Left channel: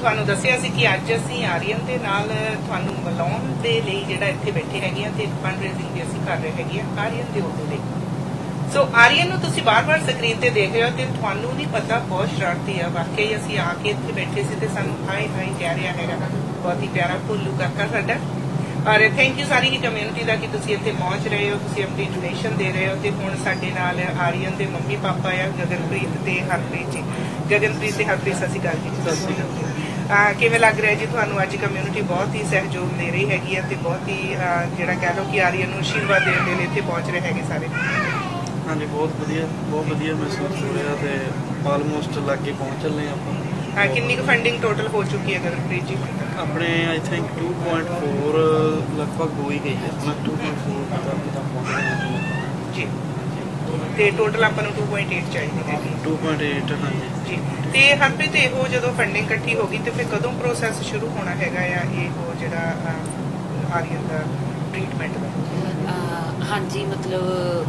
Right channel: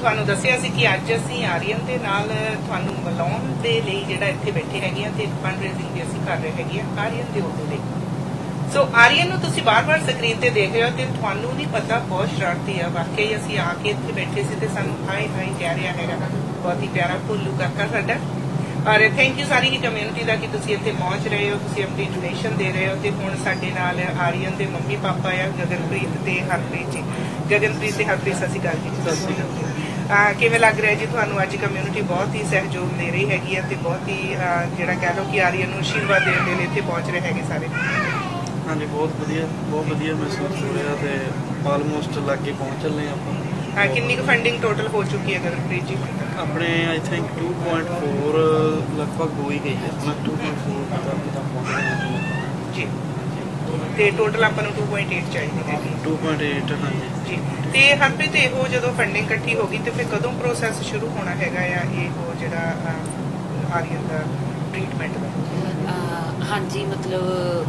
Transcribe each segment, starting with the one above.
ਤੁਹਾਨੂੰ ਦੱਸਿਆ ਸੀ ਕਿ ਅੱਜ ਅਸੀਂ ਆਰੀਅਨ ਦੇ ਨਾਲ ਤੁਹਾਨੂੰ ਮਿਲਾਉਣ ਦੇ ਲਈ ਜਿਹੜਾ ਇੱਥੇ ਬੈਠੇ ਹੈਗੇ ਆ ਤੇ ਫੰਡ ਰੇਜ਼ਿੰਗ ਵੀ ਅਸੀਂ ਕਰ ਰਹੇ ਹੈਗੇ ਆ ਆਰੀਅਨ ਦੇ ਉਦੋਂ ਲਈ। ਸੋ ਆਰੀਅਨ ਨੂੰ ਤੁਸੀਂ ਬਾਰ-ਬਾਰ ਸਕਰੀਨ ਤੇ ਦੇਖ ਰਹੇ ਹੋ ਤੇ ਤੁਹਾਨੂੰ ਨਹੀਂ ਪਤਾ ਬਹੁਤ ਸ਼ਰਾਰਤੀ ਆ। ਵਾਕਈ ਅਸੀਂ ਆ ਕੇ ਇੱਥੇ ਬੈਠੇ ਸੀ ਤੇ ਸਾਨੂੰ ਹਾਈ ਹਾਈ ਕਹਿ ਰਿਹਾ ਹੈਗਾ, ਬਹੁਤ ਹੀ ਪਿਆਰਾ ਭੋਲੂ ਕਾਕਾ ਸਾਡਾ। ਔਰ ਥੈਂਕ ਯੂ ਸਾਰੀ ਹੀ ਕਮਿਊਨਿਟੀ ਦਾ ਕਿ ਤੁਸੀਂ ਇੱਥੇ ਪਹੁੰਚ ਰਹੇ ਹੋ, ਤੁਸੀਂ ਆਪਣੀ ਡੋਨੇਸ਼ਨ ਦੇ ਰਹੇ ਹੋ। ਤੇ ਹੁਣ ਸਾਡੇ ਨਾਲ ਆਰੀਅਨ ਦੇ ਮੰਮੀ ਪਾਪਾ ਆ ਗਗਨਪ੍ਰੀਤ ਤੇ ਹਰਪ੍ਰੀਤ ਜੀ। ਗਗਨਪ੍ਰੀਤ ਤੇ ਹਰਪ੍ਰੀਤ ਸਤਿ ਸ਼੍ਰੀ ਅਕਾਲ ਜੀ। ਸਤਿ ਸ਼੍ਰੀ ਅਕਾਲ। ਕਿਵੇਂ ਲੱਗ ਰਿਹਾ ਜੀ ਤੁਹਾਨੂੰ? ਅੱਜ ਕਮਿਊਨਿਟੀ ਬਹੁਤ ਹੀ ਸਹਿਯੋਗ ਦੇ ਰਹੀ ਹੈਗੀ ਹੈ ਤੇ ਬਹੁਤ ਹੀ ਜਿਹੜਾ ਕਹਿ ਲਓ ਕਿ ਆਰੀਅਨ ਨੂੰ ਆਸ਼ੀਰਵਾਦ ਦੇਣ ਦੇ ਲਈ ਇੱਥੇ ਪਹੁੰਚ ਰਹੇ ਹੈਗੇ ਸਾਰੇ। ਹਾਂਜੀ ਬਹੁਤ ਵਧੀਆ ਮਹਿਸੂਸ ਹੋ ਰਿਹਾ ਤੇ ਆਲਮੋਸਟ ਲਾਗੇ ਪਹੁੰਚ ਚੱਲੇ ਆਪਾਂ। ਕਿੰਨੀ ਕੁ ਫੰਡਿੰਗ ਟੋਟਲ ਹੋ ਚੁੱਕੀ ਹੈ ਗਗਨਪ੍ਰੀਤ ਜੀ? ਆਪਣੇ ਆਈ ਥਿੰਕ 2.4 ਲਗਭਗ ਹੋ ਹੀ ਗਈ ਹੈ। 2.4 ਤੱਕ ਪਹੁੰਚ ਗਏ ਜੀ ਤੇ ਟੋਟਲ ਆਪਾਂ ਨੂੰ 2.8 ਚਾਹੀਦੀ ਹੈਗੀ। 2.8 ਹਾਂਜੀ ਜੀ। ਤੇ ਹਰਪ੍ਰੀਤ ਇਹੋ ਜਦੋਂ ਫੰਡਿੰਗ ਇਕੱਠੀ ਹੋ ਗਈ ਤੇ ਫਿਰ ਕਦੋਂ ਪ੍ਰੋਸੈਸ ਸ਼ੁਰੂ ਹੋਣਾ ਹੈਗਾ ਆ ਇਹੋ ਜਿਹੜਾ ਆਰੀਅਨ ਦਾ ਟ੍ਰੀਟਮੈਂਟ ਦਾ? ਹਾਂਜੀ ਮਤਲਬ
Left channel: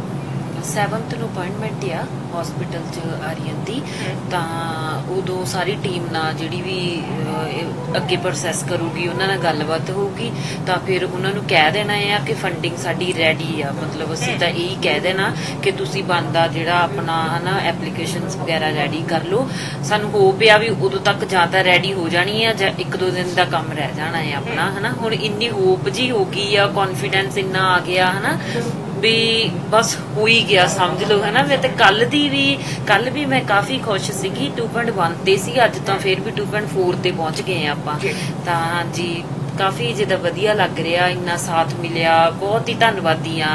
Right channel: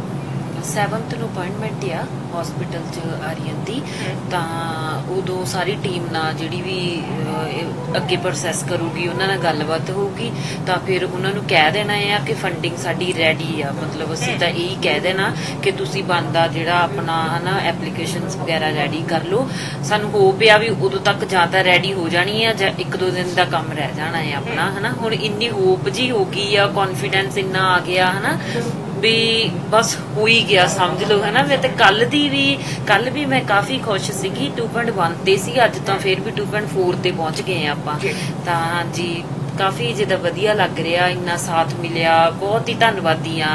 7th ਨੂੰ ਅਪਾਇੰਟਮੈਂਟ ਆ ਹਸਪੀਟਲ 'ਚ ਆਰੀਅਨ ਦੀ, ਤਾਂ ਉਦੋਂ ਸਾਰੀ ਟੀਮ ਨਾਲ ਜਿਹੜੀ ਵੀ ਅੱਗੇ ਪ੍ਰੋਸੈਸ ਕਰੂਗੀ ਉਹਨਾਂ ਨਾਲ ਗੱਲਬਾਤ ਹੋਊਗੀ। ਤਾਂ ਫਿਰ ਉਹਨਾਂ ਨੂੰ ਕਹਿ ਦੇਣਾ ਆ ਕਿ ਫੰਡਿੰਗ ਸਾਡੀ ਰੈਡੀ ਆ। ਮਤਲਬ ਅਸੀਂ ਤਾਂ ਇਹੀ ਕਹਿ ਦੇਣਾ ਕਿ ਤੁਸੀਂ ਬਣਦਾ ਜਿਹੜਾ ਆਪਣਾ ਹਨਾ ਐਪਲੀਕੇਸ਼ਨਸ ਵਗੈਰਾ ਰੈਡੀ ਕਰ ਲਓ। ਸਾਨੂੰ ਹੋਪ ਆ ਵੀ ਉਦੋਂ ਤੱਕ ਜਾਂ ਤਾਂ ਰੈਡੀ ਹੋ ਜਾਣੀ ਆ ਜਾਂ 1-2 ਦਿਨ ਦਾ ਕੰਮ ਰਹਿ ਜਾਣਾ ਹੈ ਆਪਣਾ ਹਨਾ। ਹੁਣ ਇੰਨੀ ਹੋਪ ਜੀ ਹੋ ਗਈ ਆ, ਕੌਨਫੀਡੈਂਸ ਇੰਨਾ ਆ ਗਿਆ ਹਨਾ ਵੀ ਬਸ ਹੋ ਹੀ ਗਿਆ ਸਮਝ ਲਓ ਹੈ ਨਾ। ਮੈਂ ਤੇ ਕੱਲ ਵੀ ਮੈਂ ਕਾਫੀ ਖੁਸ਼ ਸੀਗੀ। 2.1 ਤੇ ਸੀ, ਅੱਜ ਤਾਂ ਫਿਰ ਵੀ 2.4 ਤੇ ਪਹੁੰਚ ਗਏ ਆਪਾਂ। ਤਾਂ ਹਾਂਜੀ ਕਾਫੀ ਜਿੱਦਾਂ ਵਧੀਆ ਲੱਗ ਰਿਹਾ, ਇੰਨਾ ਸਾਥ ਮਿਲਿਆ, ਬਹੁਤ ਹੀ ਧੰਨਵਾਦੀ ਆ।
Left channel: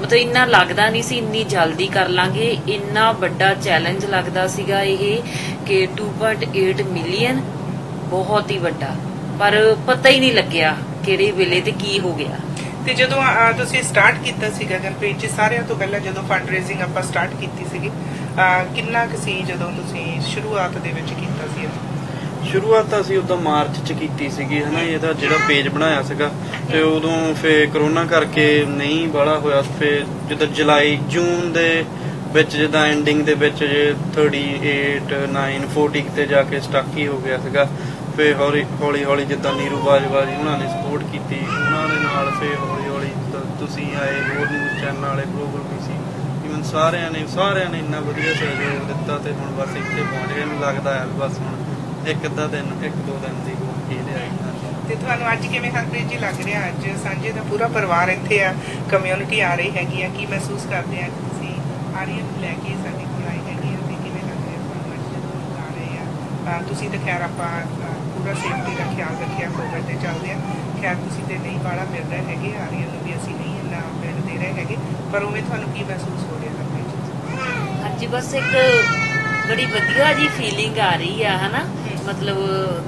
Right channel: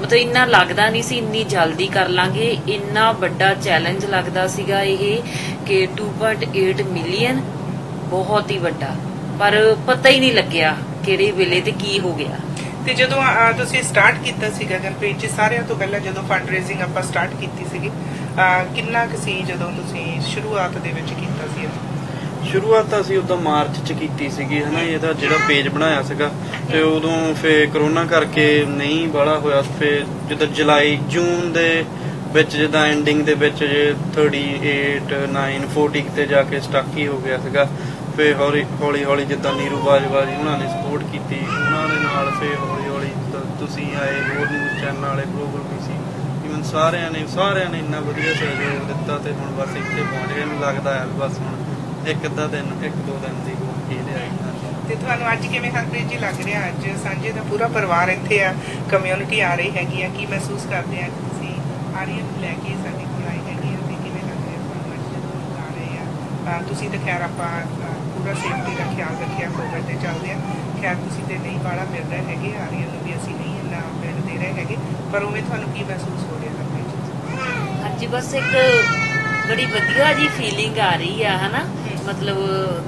ਮਤਲਬ ਇੰਨਾ ਲੱਗਦਾ ਨਹੀਂ ਸੀ ਇੰਨੀ ਜਲਦੀ ਕਰ ਲਾਂਗੇ। ਇੰਨਾ ਵੱਡਾ ਚੈਲੰਜ ਲੱਗਦਾ ਸੀਗਾ ਇਹ ਕਿ 2.8 ਮਿਲੀਅਨ ਬਹੁਤ ਹੀ ਵੱਡਾ, ਪਰ ਪਤਾ ਹੀ ਨਹੀਂ ਲੱਗਿਆ ਕਿਹੜੇ ਵੇਲੇ ਤੇ ਕੀ ਹੋ ਗਿਆ। ਤੇ ਜਦੋਂ ਤੁਸੀਂ ਸਟਾਰਟ ਕੀਤਾ ਸੀ ਗਗਨਪ੍ਰੀਤ ਜੀ, ਸਾਰਿਆਂ ਤੋਂ ਪਹਿਲਾਂ ਜਦੋਂ ਫੰਡ ਰੇਜ਼ਿੰਗ ਆਪਾਂ ਸਟਾਰਟ ਕੀਤੀ ਸੀਗੀ, ਕਿੰਨਾ ਕੁ ਸੀ ਜਦੋਂ ਤੁਸੀਂ ਸ਼ੁਰੂਆਤ ਦੇ ਵਿੱਚ ਕੀਤਾ ਸੀ? ਸ਼ੁਰੂਆਤ ਤਾਂ ਅਸੀਂ ਉਦੋਂ ਮਾਰਚ 'ਚ ਕੀਤੀ ਸੀਗੀ ਹਨਾ। ਇਹਦਾ ਜਿਹੜਾ ਪੇਜ ਬਣਾਇਆ ਸੀਗਾ ਤੇ ਉਦੋਂ ਫਿਰ ਕਰੋਨਾ ਕਰਕੇ ਨਹੀਂ ਬਾਹਲਾ ਹੋਇਆ। ਫਿਰ ਜਿੱਦਾਂ ਜੂਨ ਦੇ ਵਿੱਚ ਜਿੱਦਾਂ ਐਂਡਿੰਗ ਦੇ ਵਿੱਚ ਜੇ 38, 9, 40 ਤੇ ਜਾ ਕੇ ਸਟਕ ਹੀ ਹੋ ਗਿਆ ਸੀਗਾ। ਫਿਰ ਹੌਲੀ ਜਿੱਦਾਂ ਨੀਰੂ ਬਾਜਵਾ ਜੀ ਉਹਨਾਂ ਨੇ ਸਪੋਰਟ ਕੀਤੀ, ਉਹਨਾਂ ਦੇ ਨਾਲ ਫਿਰ ਹੌਲੀ ਤੁਸੀਂ ਆਏ, ਹੋਰ ਨਿਊਜ਼ ਚੈਨਲ ਵਾਲੇ ਗਲੋਬਲ BC ਈਵਨ ਸਾਰਿਆਂ ਨੇ ਇੰਨਾ ਵਧੀਆ ਸਹਿਯੋਗ ਦਿੱਤਾ ਤੇ ਹੁਣ ਬਸ ਇੱਥੇ ਪਹੁੰਚ ਗਏ। ਮੈਨੂੰ ਲੱਗਦਾ ਹੈ ਬਸ ਹੁਣ 1-2 ਦਿਨ ਦੀ ਹੀ ਲਿਆਈ। ਤੇ ਤੁਹਾਨੂੰ ਅੱਜ ਕਿਵੇਂ ਹਰਪ੍ਰੀਤ ਜੀ ਲੱਗ ਰਿਹਾ? ਅੱਜ ਸਾਂਝੇ ਦਾ ਪੂਰਾ ਪਰਿਵਾਰ ਇੱਥੇ ਆ, ਕਮਿਊਨਿਟੀ ਆ ਰਹੀ ਹੈਗੀ ਆ, ਕੀ ਮਹਿਸੂਸ ਕਰਦੇ ਆ ਤੁਸੀਂ ਆਰੀਅਨ ਨੂੰ ਲੈ ਕੇ ਸਾਡੇ ਕੋਲ ਆਏ ਹੈਗੇ ਆ ਤੇ ਕਿਵੇਂ ਲੱਗ ਰਿਹਾ ਤੁਹਾਨੂੰ ਅੱਜ ਜਦੋਂ ਆ ਰਹੇ ਆ? ਤੁਸੀਂ ਤਾਂ ਖੈਰ ਆਪਾਂ ਪੂਰਾ ਸੇਫਟੀ ਦਾ ਖਿਆਲ ਰੱਖਿਆ, ਕੋਵਿਡ ਤੇ ਚੱਲਦੇ ਆ। ਖੈਰ ਤੁਸੀਂ ਤੇ ਨਹੀਂ ਬਾਹਲਾ ਮਿਲ ਰਹੇ ਹੈਗੇ, ਆਰੀਅਨ ਨੂੰ ਵੀ ਅਸੀਂ ਨਹੀਂ ਇੰਨਾ ਮਿਲ ਦੇ ਰਹੇ ਹੈਗੇ, ਪਰ ਉਵੇਂ ਤੁਹਾਨੂੰ ਕੀ ਮਹਿਸੂਸ ਹੋ ਰਿਹਾ ਹਰਪ੍ਰੀਤ? ਹਾਂਜੀ ਬਸ ਇੱਕ ਬੜੀ ਵਧੀਆ ਜੀ ਫੀਲਿੰਗ ਆ ਰਹੀ ਆ ਹਨਾ। ਮਤਲਬ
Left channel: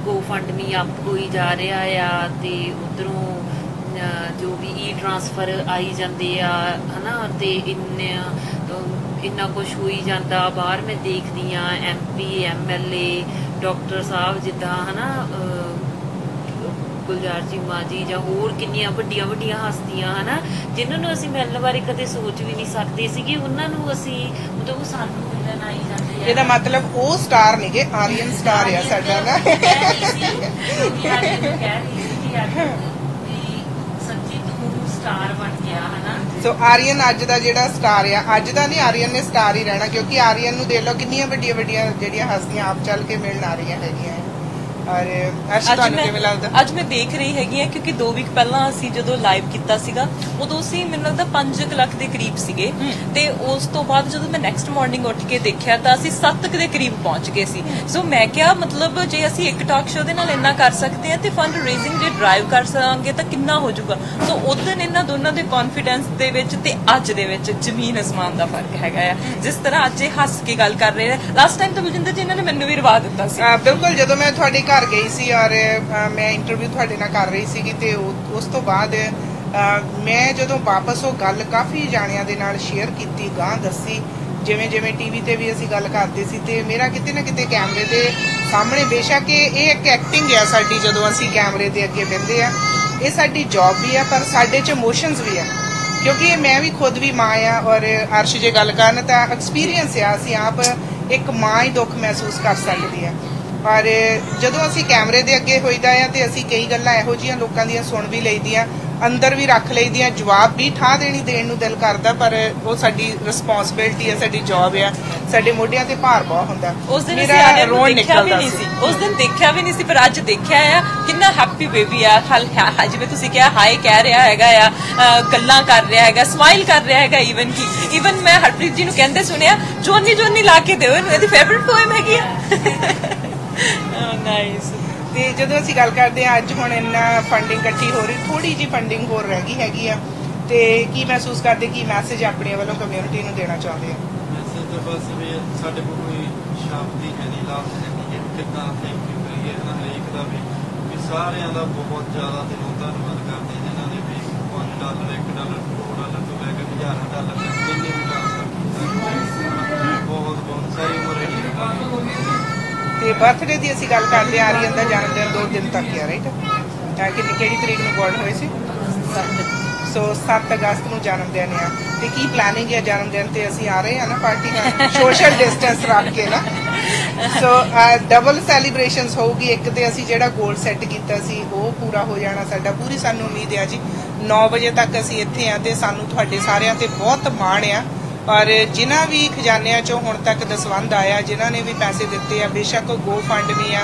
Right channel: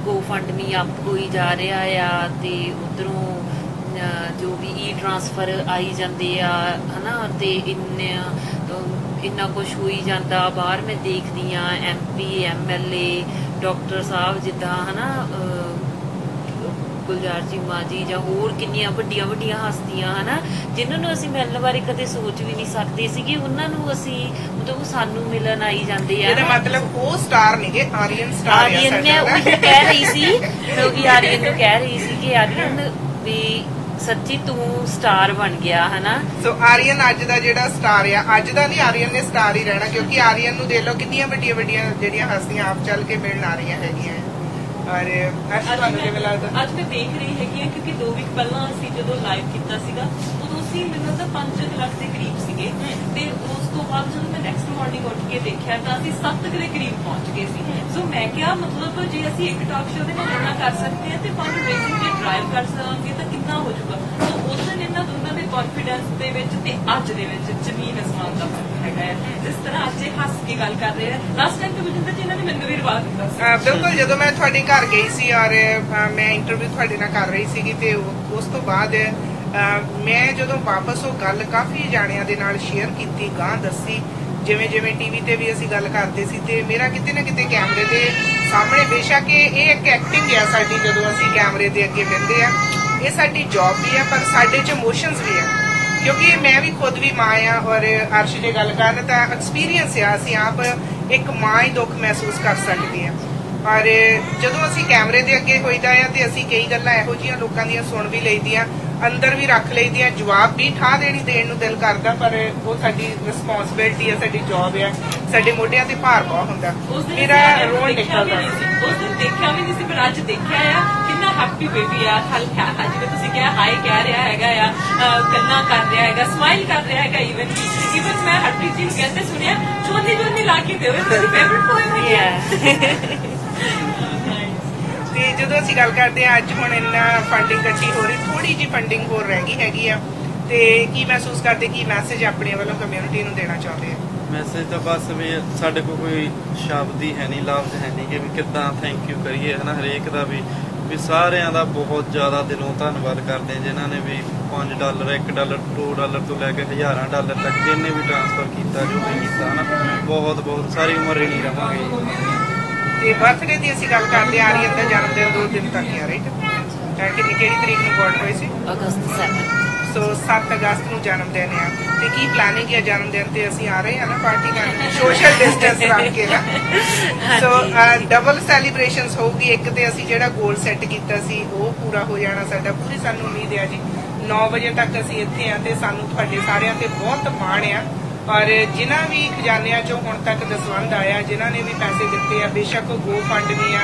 GoFundMe ਅਪ ਹੋਈ ਜਾ ਰਿਹਾ ਆ ਤੇ ਉਧਰੋਂ ਜੋ ਵੀ ਟ੍ਰਾਂਸਫਰ ਆਈ ਜਾਂਦੇ ਆ ਹਨਾ ਤੇ ਇੰਨਾ ਕੁਛ ਹੋਈ ਜਾਂਦਾ। ਬਾਹਰ ਮੈਂ ਦੇਖਦੀ ਆ MP MLA ਡਾਕਟਰ ਸਾਹਿਬ ਜਿੱਦਾਂ ਹਨਾ ਗੁਲਜ਼ਾਰ ਚੀਮਾ ਜੀ ਜਾਂ ਹੋਰ ਕਿੰਨੀਆਂ ਵੱਡੀਆਂ ਹਸਤੀਆਂ ਹਨਾ ਜਿਨ੍ਹਾਂ ਨੂੰ ਅਸੀਂ ਮਿਲਣ ਬਾਰੇ ਕਦੇ ਸੋਚ ਵੀ ਨਹੀਂ ਸਕਦੇ ਸੀਗੇ, ਉਹਨਾਂ ਨੂੰ ਅਸੀਂ ਮਤਲਬ ਸਾਨੂੰ ਮਿਲਣ ਆਈ ਜਾਂਦੇ ਆ। ਇਹਦਾ ਮਤਲਬ ਉਹ ਸਟਾਰ ਨਹੀਂ, ਆਰੀਅਨ ਸਟਾਰ ਹੈ ਸਾਡਾ। ਕਹਿ ਰਹੀ ਸੀ ਕਿਉਂਕਿ ਆਰੀਅਨ ਨੂੰ ਕਹਿ ਰਹੀ ਸੀ ਕਿ ਆਰੀਅਨ ਵੀ ਸੱਚੀ ਤੂੰ ਸਟਾਰ ਬਣ ਗਿਆ ਹਨਾ। ਸੋ ਆਰੀਅਨ ਅੱਜ ਦਾ ਜਿਹੜਾ ਸਟਾਰ ਆ, ਅੱਜ ਦਾ ਨਹੀਂ, ਆਰੀਅਨ ਨੇ ਸਟਾਰ ਹੀ ਰਹਿਣਾ ਕਿਉਂਕਿ ਆਰੀਅਨ ਨੂੰ ਦੇਖ ਲਓ ਕਿੰਨੀਆਂ ਵੱਡੀਆਂ ਜਿਹੜੀਆਂ ਹਸਤੀਆਂ ਆਪ ਚੱਲ ਕੇ ਮਿਲਣ ਆ ਰਹੀਆਂ ਹੈਗੀਆਂ। ਅੱਜ ਮੈਂ ਦੇਖ ਰਹੀ ਹੈਗੀ ਆ ਕਿਉਂਕਿ 2 ਵੀਕ ਪਹਿਲਾਂ ਅਸੀਂ ਜਦੋਂ ਲਾਈਵ ਕੀਤਾ ਸੀਗਾ ਉਦੋਂ ਅਸੀਂ ਮੈਨੂੰ ਲੱਗਦਾ 5 ਲੱਖ ਦੇ ਕਰੀਬ ਸੀਗੇ ਤੇ ਉਸ ਤੋਂ ਬਾਅਦ ਜਦੋਂ ਮੈਂ ਨੈਕਸਟ ਮਾਰਨਿੰਗ ਉੱਠ ਕੇ ਦੇਖਿਆ ਤਾਂ ਅਸੀਂ 7 ਦੇ ਕਰੀਬ ਪਹੁੰਚ ਗਏ ਸੀ। ਸੋ ਮੈਂ ਕਿਹਾ ਮਤਲਬ ਜੇ ਅਸੀਂ ਇੱਕ ਟਾਕ ਸ਼ੋਅ ਦੇ ਨਾਲ ਇੰਨਾ ਕਰ ਸਕਦੇ ਹਾਂ ਤੇ ਫੰਡ ਰੇਜ਼ਿੰਗ ਜੇ ਡਰਾਈਵ ਕਰ ਸਕਾਂਗੇ ਤਾਂ ਕਿੰਨਾ ਹੋ ਜਾਊਗਾ। ਸੋ ਉਸ ਦਿਨ ਇਹਨਾਂ ਦੋਨਾਂ ਦੇ ਕੌਨਫੀਡੈਂਸ ਦੇ ਵਿੱਚ ਤੇ ਅੱਜ ਦੇ ਵਿੱਚ ਜ਼ਮੀਨ ਅਸਮਾਨ ਦਾ ਫਰਕ ਹੈਗਾ ਆ। ਜਿਸ ਤਰ੍ਹਾਂ ਅੱਜ ਇਹ ਹੱਸ ਕੇ ਗੱਲ ਕਰ ਰਹੇ ਨੇ, ਲਾਸਟ ਟਾਈਮ ਤਾਂ ਬਲਜਿੰਦਰ ਜੀ ਇਹਨਾਂ ਨੇ ਮੈਨੂੰ ਵੀ ਰਵਾ ਦਿੱਤਾ ਸੀ। ਬਿਲਕੁਲ, ਜਦੋਂ ਮੈਂ ਤੁਹਾਡੇ ਘਰ ਗਈ ਸੀ ਔਰ ਮੈਂ ਇੰਟਰਵਿਊ ਤੁਹਾਡੇ ਨਾਲ ਕਰ ਰਹੀ ਸੀਗੀ ਤੇ ਉਸ ਤੋਂ ਬਾਅਦ ਮੈਂ ਜਦੋਂ ਵਾਪਸ ਉਹ ਗੱਲ ਕਾਫੀ ਜਾਣਿਆਂ ਦੇ ਨਾਲ ਸ਼ੇਅਰ ਕੀਤੀ, ਗਾਂ ਦੱਸੀ, ਜਿਵੇਂ TV ਤੇ ਵੀ ਅਸੀਂ ਗੱਲ ਕਰਦੇ ਸੀ ਤੇ ਮੇਰਾ ਕਿਤੇ ਨਾ ਕਿਤੇ ਕੈਮਰੇ ਦੇ ਸਾਹਮਣੇ, ਬੇਸ਼ੱਕ ਇਹ ਇੱਕ ਐਕਟਿੰਗ ਹੈ ਸਾਡੀ, ਜਦੋਂ ਅਸੀਂ ਕੈਮਰੇ ਦੇ ਅੱਗੇ ਬੈਠਦੇ ਆ ਇਹ ਸਾਡੀ ਜੌਬ ਵੀ ਹੈ ਪਰ ਸਾਡੇ 'ਚ ਇਮੋਸ਼ਨਸ ਵੀ ਆ ਕਿਉਂਕਿ ਮੈਂ ਵੀ ਖੁਦ ਵੀ ਮਾਂ ਆ ਔਰ ਅਰਸ਼ ਜੇ ਗੱਲ ਕਰਨ ਤਾਂ ਐਕਸਪੀਰੀਅੰਸ ਆ, ਅਸੀਂ ਆਪ ਇੱਕ ਮਾਂ ਹੀ ਦੁੱਖ ਮਹਿਸੂਸ ਕਰ ਸਕਦੇ ਆ। ਪਰ ਜਦੋਂ ਅਸੀਂ ਕੈਮਰੇ ਦੇ ਅੱਗੇ ਹੋਈਦਾ ਆ ਤੇ ਅਸੀਂ ਕਈ ਗੱਲਾਂ ਇਹੋ ਜਿਹੀਆਂ ਲੋਕਾਂ ਦੀਆਂ ਸੁਣ ਵੀ ਲਈਦੀਆਂ, ਅੰਦਰ ਵੀ ਰੱਖ ਲਈਦੀਆਂ, ਜਵਾਬ ਵੀ ਠਾਹ ਦੇਣ ਨੂੰ ਦਿਲ ਕਰਦਾ, ਪਰ ਉਹ ਸਾਡੀ ਰਿਸਪੌਂਸਿਬਿਲਟੀ ਹੈ, ਸਾਡੀ ਜੌਬ ਆ, ਸਾਡੇ ਮੋਢਿਆਂ ਤੇ ਭਾਰ ਬਹੁਤ ਹੁੰਦਾ। ਉਸ ਦਿਨ ਮੇਰਾ ਰੋਣ ਨਿਕਲਦਾ ਸੀ, ਉਸ ਦਿਨ ਦੇਖਿਆ ਵੀ ਨਹੀਂ ਸੀ, ਪਰ ਅੱਜ ਦੇਖਿਆ ਆ ਕਿੰਨਾ ਹੈਪੀ ਬੇਬੀ ਆ। ਜਿਵੇਂ ਤੁਸੀਂ ਕਿਹਾ ਹਾਈ ਕਹਿ ਰਿਹਾ ਹੈਗਾ ਆ, ਗੱਲਾਂ ਕਰ ਰਿਹਾ ਹੈਗਾ, ਸਮਾਈਲ ਕਰ ਰਿਹਾ ਹੈਗਾ। ਈਵਨ ਮੈਂ ਹਰਪ੍ਰੀਤ ਜੀ ਨੂੰ ਕਹਿੰਦੇ ਸੁਣਿਆ ਜੋਨੀ ਲਾ ਕੇ ਦਿਓ, ਇਹਦੀ ਫੇਵਰਿਟ ਪੋਇਮ ਹੈਗੀ ਆ। ਨਾਈਸ। ਤੇ ਜਦੋਂ ਅਸੀਂ ਗੱਲ ਕਰਦੇ ਹਾਂ ਅੱਜ ਹੁਣ ਇੰਨਾ ਫੰਡਿੰਗ ਇਕੱਠੀ ਹੋ ਰਹੀ, ਥੋੜੀ ਜਿਹੀ ਫੰਡਿੰਗ ਹੋਰ ਰਹਿ ਗਈ ਹੈਗੀ ਆ, ਤੇ ਕੀ ਮਹਿਸੂਸ ਕਰਦੇ, ਕੀ ਮੈਸੇਜ ਆਪਣੇ ਵੱਲੋਂ ਕਮਿਊਨਿਟੀ ਨੂੰ ਦੇਣਾ ਚਾਹੁੰਦੇ ਆ? ਮੈਸੇਜ ਤਾਂ ਬਸ ਵੀ ਸਾਡੇ ਕੋਲ ਕੋਈ ਸ਼ਬਦ ਹੀ ਹੈ ਨਹੀਂ, ਲਫ਼ਜ਼ ਹੈ ਨਹੀਂ ਕਿ ਕਿੱਦਾਂ ਥੈਂਕ ਯੂ ਕਰੀਏ ਹੈ ਨਾ, ਹਰੇਕ ਦਾ ਵੀ ਸਾਰਿਆਂ ਦਾ ਬਹੁਤ ਜ਼ਿਆਦਾ ਦਿਲੋਂ ਧੰਨਵਾਦ ਕਰਦੇ ਜਿਨ੍ਹਾਂ ਨੇ ਵੀ $5 $1 $2 ਤੋਂ ਲੈ ਕੇ ਹਜ਼ਾਰਾਂ ਡਾਲਰ ਤੱਕ ਜਿੰਨੇ ਵੀ ਟ੍ਰਾਂਸਫਰ ਕੀਤਾ, ਬਹੁਤ ਸਾਰੀ ਉਮਰ ਹੀ ਨਹੀਂ ਰਹਾਂਗੇ। ਤੇ ਬਰਥਡੇ ਦੀ ਅਸੀਂ ਗੱਲ ਕਰਦੇ ਆ ਰਹੀ ਹੈ, ਜਨਮ ਦਿਨ 2 ਦਿਨ ਤੱਕ ਆ ਰਾਈਟ, ਕਿਹੜੀ ਤਰੀਕ ਨੂੰ ਬੋਰਡ ਹੋਈ ਸੀ? ਸੋ 7 ਅਗਸਤ ਨੂੰ ਜਨਮ ਦਿਨ ਹੈ, ਤੇ ਕੀ ਪਲਾਨਿੰਗ ਹੈ ਜਨਮ ਦਿਨ ਤੇ? ਅਸੀਂ ਆ ਰਹੇ ਹਾਂ ਨਾ ਪਾਰਟੀ ਕਰਨ, ਸੋਸ਼ਲ ਡਿਸਟੈਂਸ ਰੱਖ ਕੇ ਨਾ। ਸੋ ਡਬਲ ਸੈਲੀਬ੍ਰੇਸ਼ਨਸ ਹੋਊਗੀ। ਇੱਕ ਤੇ ਅਸੀਂ ਜਿਹੜਾ ਗੋਲ ਸੈੱਟ ਕੀਤਾ ਸੀ ਉਹ ਪੂਰਾ ਹੋ ਜਾਣਾ ਸਾਡਾ, ਪੂਰੀ ਸਾਨੂੰ ਉਮੀਦ ਹੈ ਜੀ 9 ਵਜੇ ਤੱਕ ਅਸੀਂ ਇੱਥੇ ਆ, ਤੇ ਸਾਨੂੰ ਤੁਹਾਡੇ ਸਾਰਿਆਂ ਤੇ ਬਹੁਤ ਮਾਣ ਆ। ਔਰ ਜਿਨ੍ਹਾਂ ਵੀ ਖਜ਼ਾਨਿਆਂ ਚੋਂ ਹੁਣ ਤੱਕ ਦਸਵੰਧ ਆਇਆ, ਜਿਨ੍ਹਾਂ ਨੇ ਵੀ ਪੈਸੇ ਦਿੱਤੇ ਆ, ਬੇਸ਼ੱਕ ਉਹ ਗੋ ਫੰਡ ਵੀ ਆ,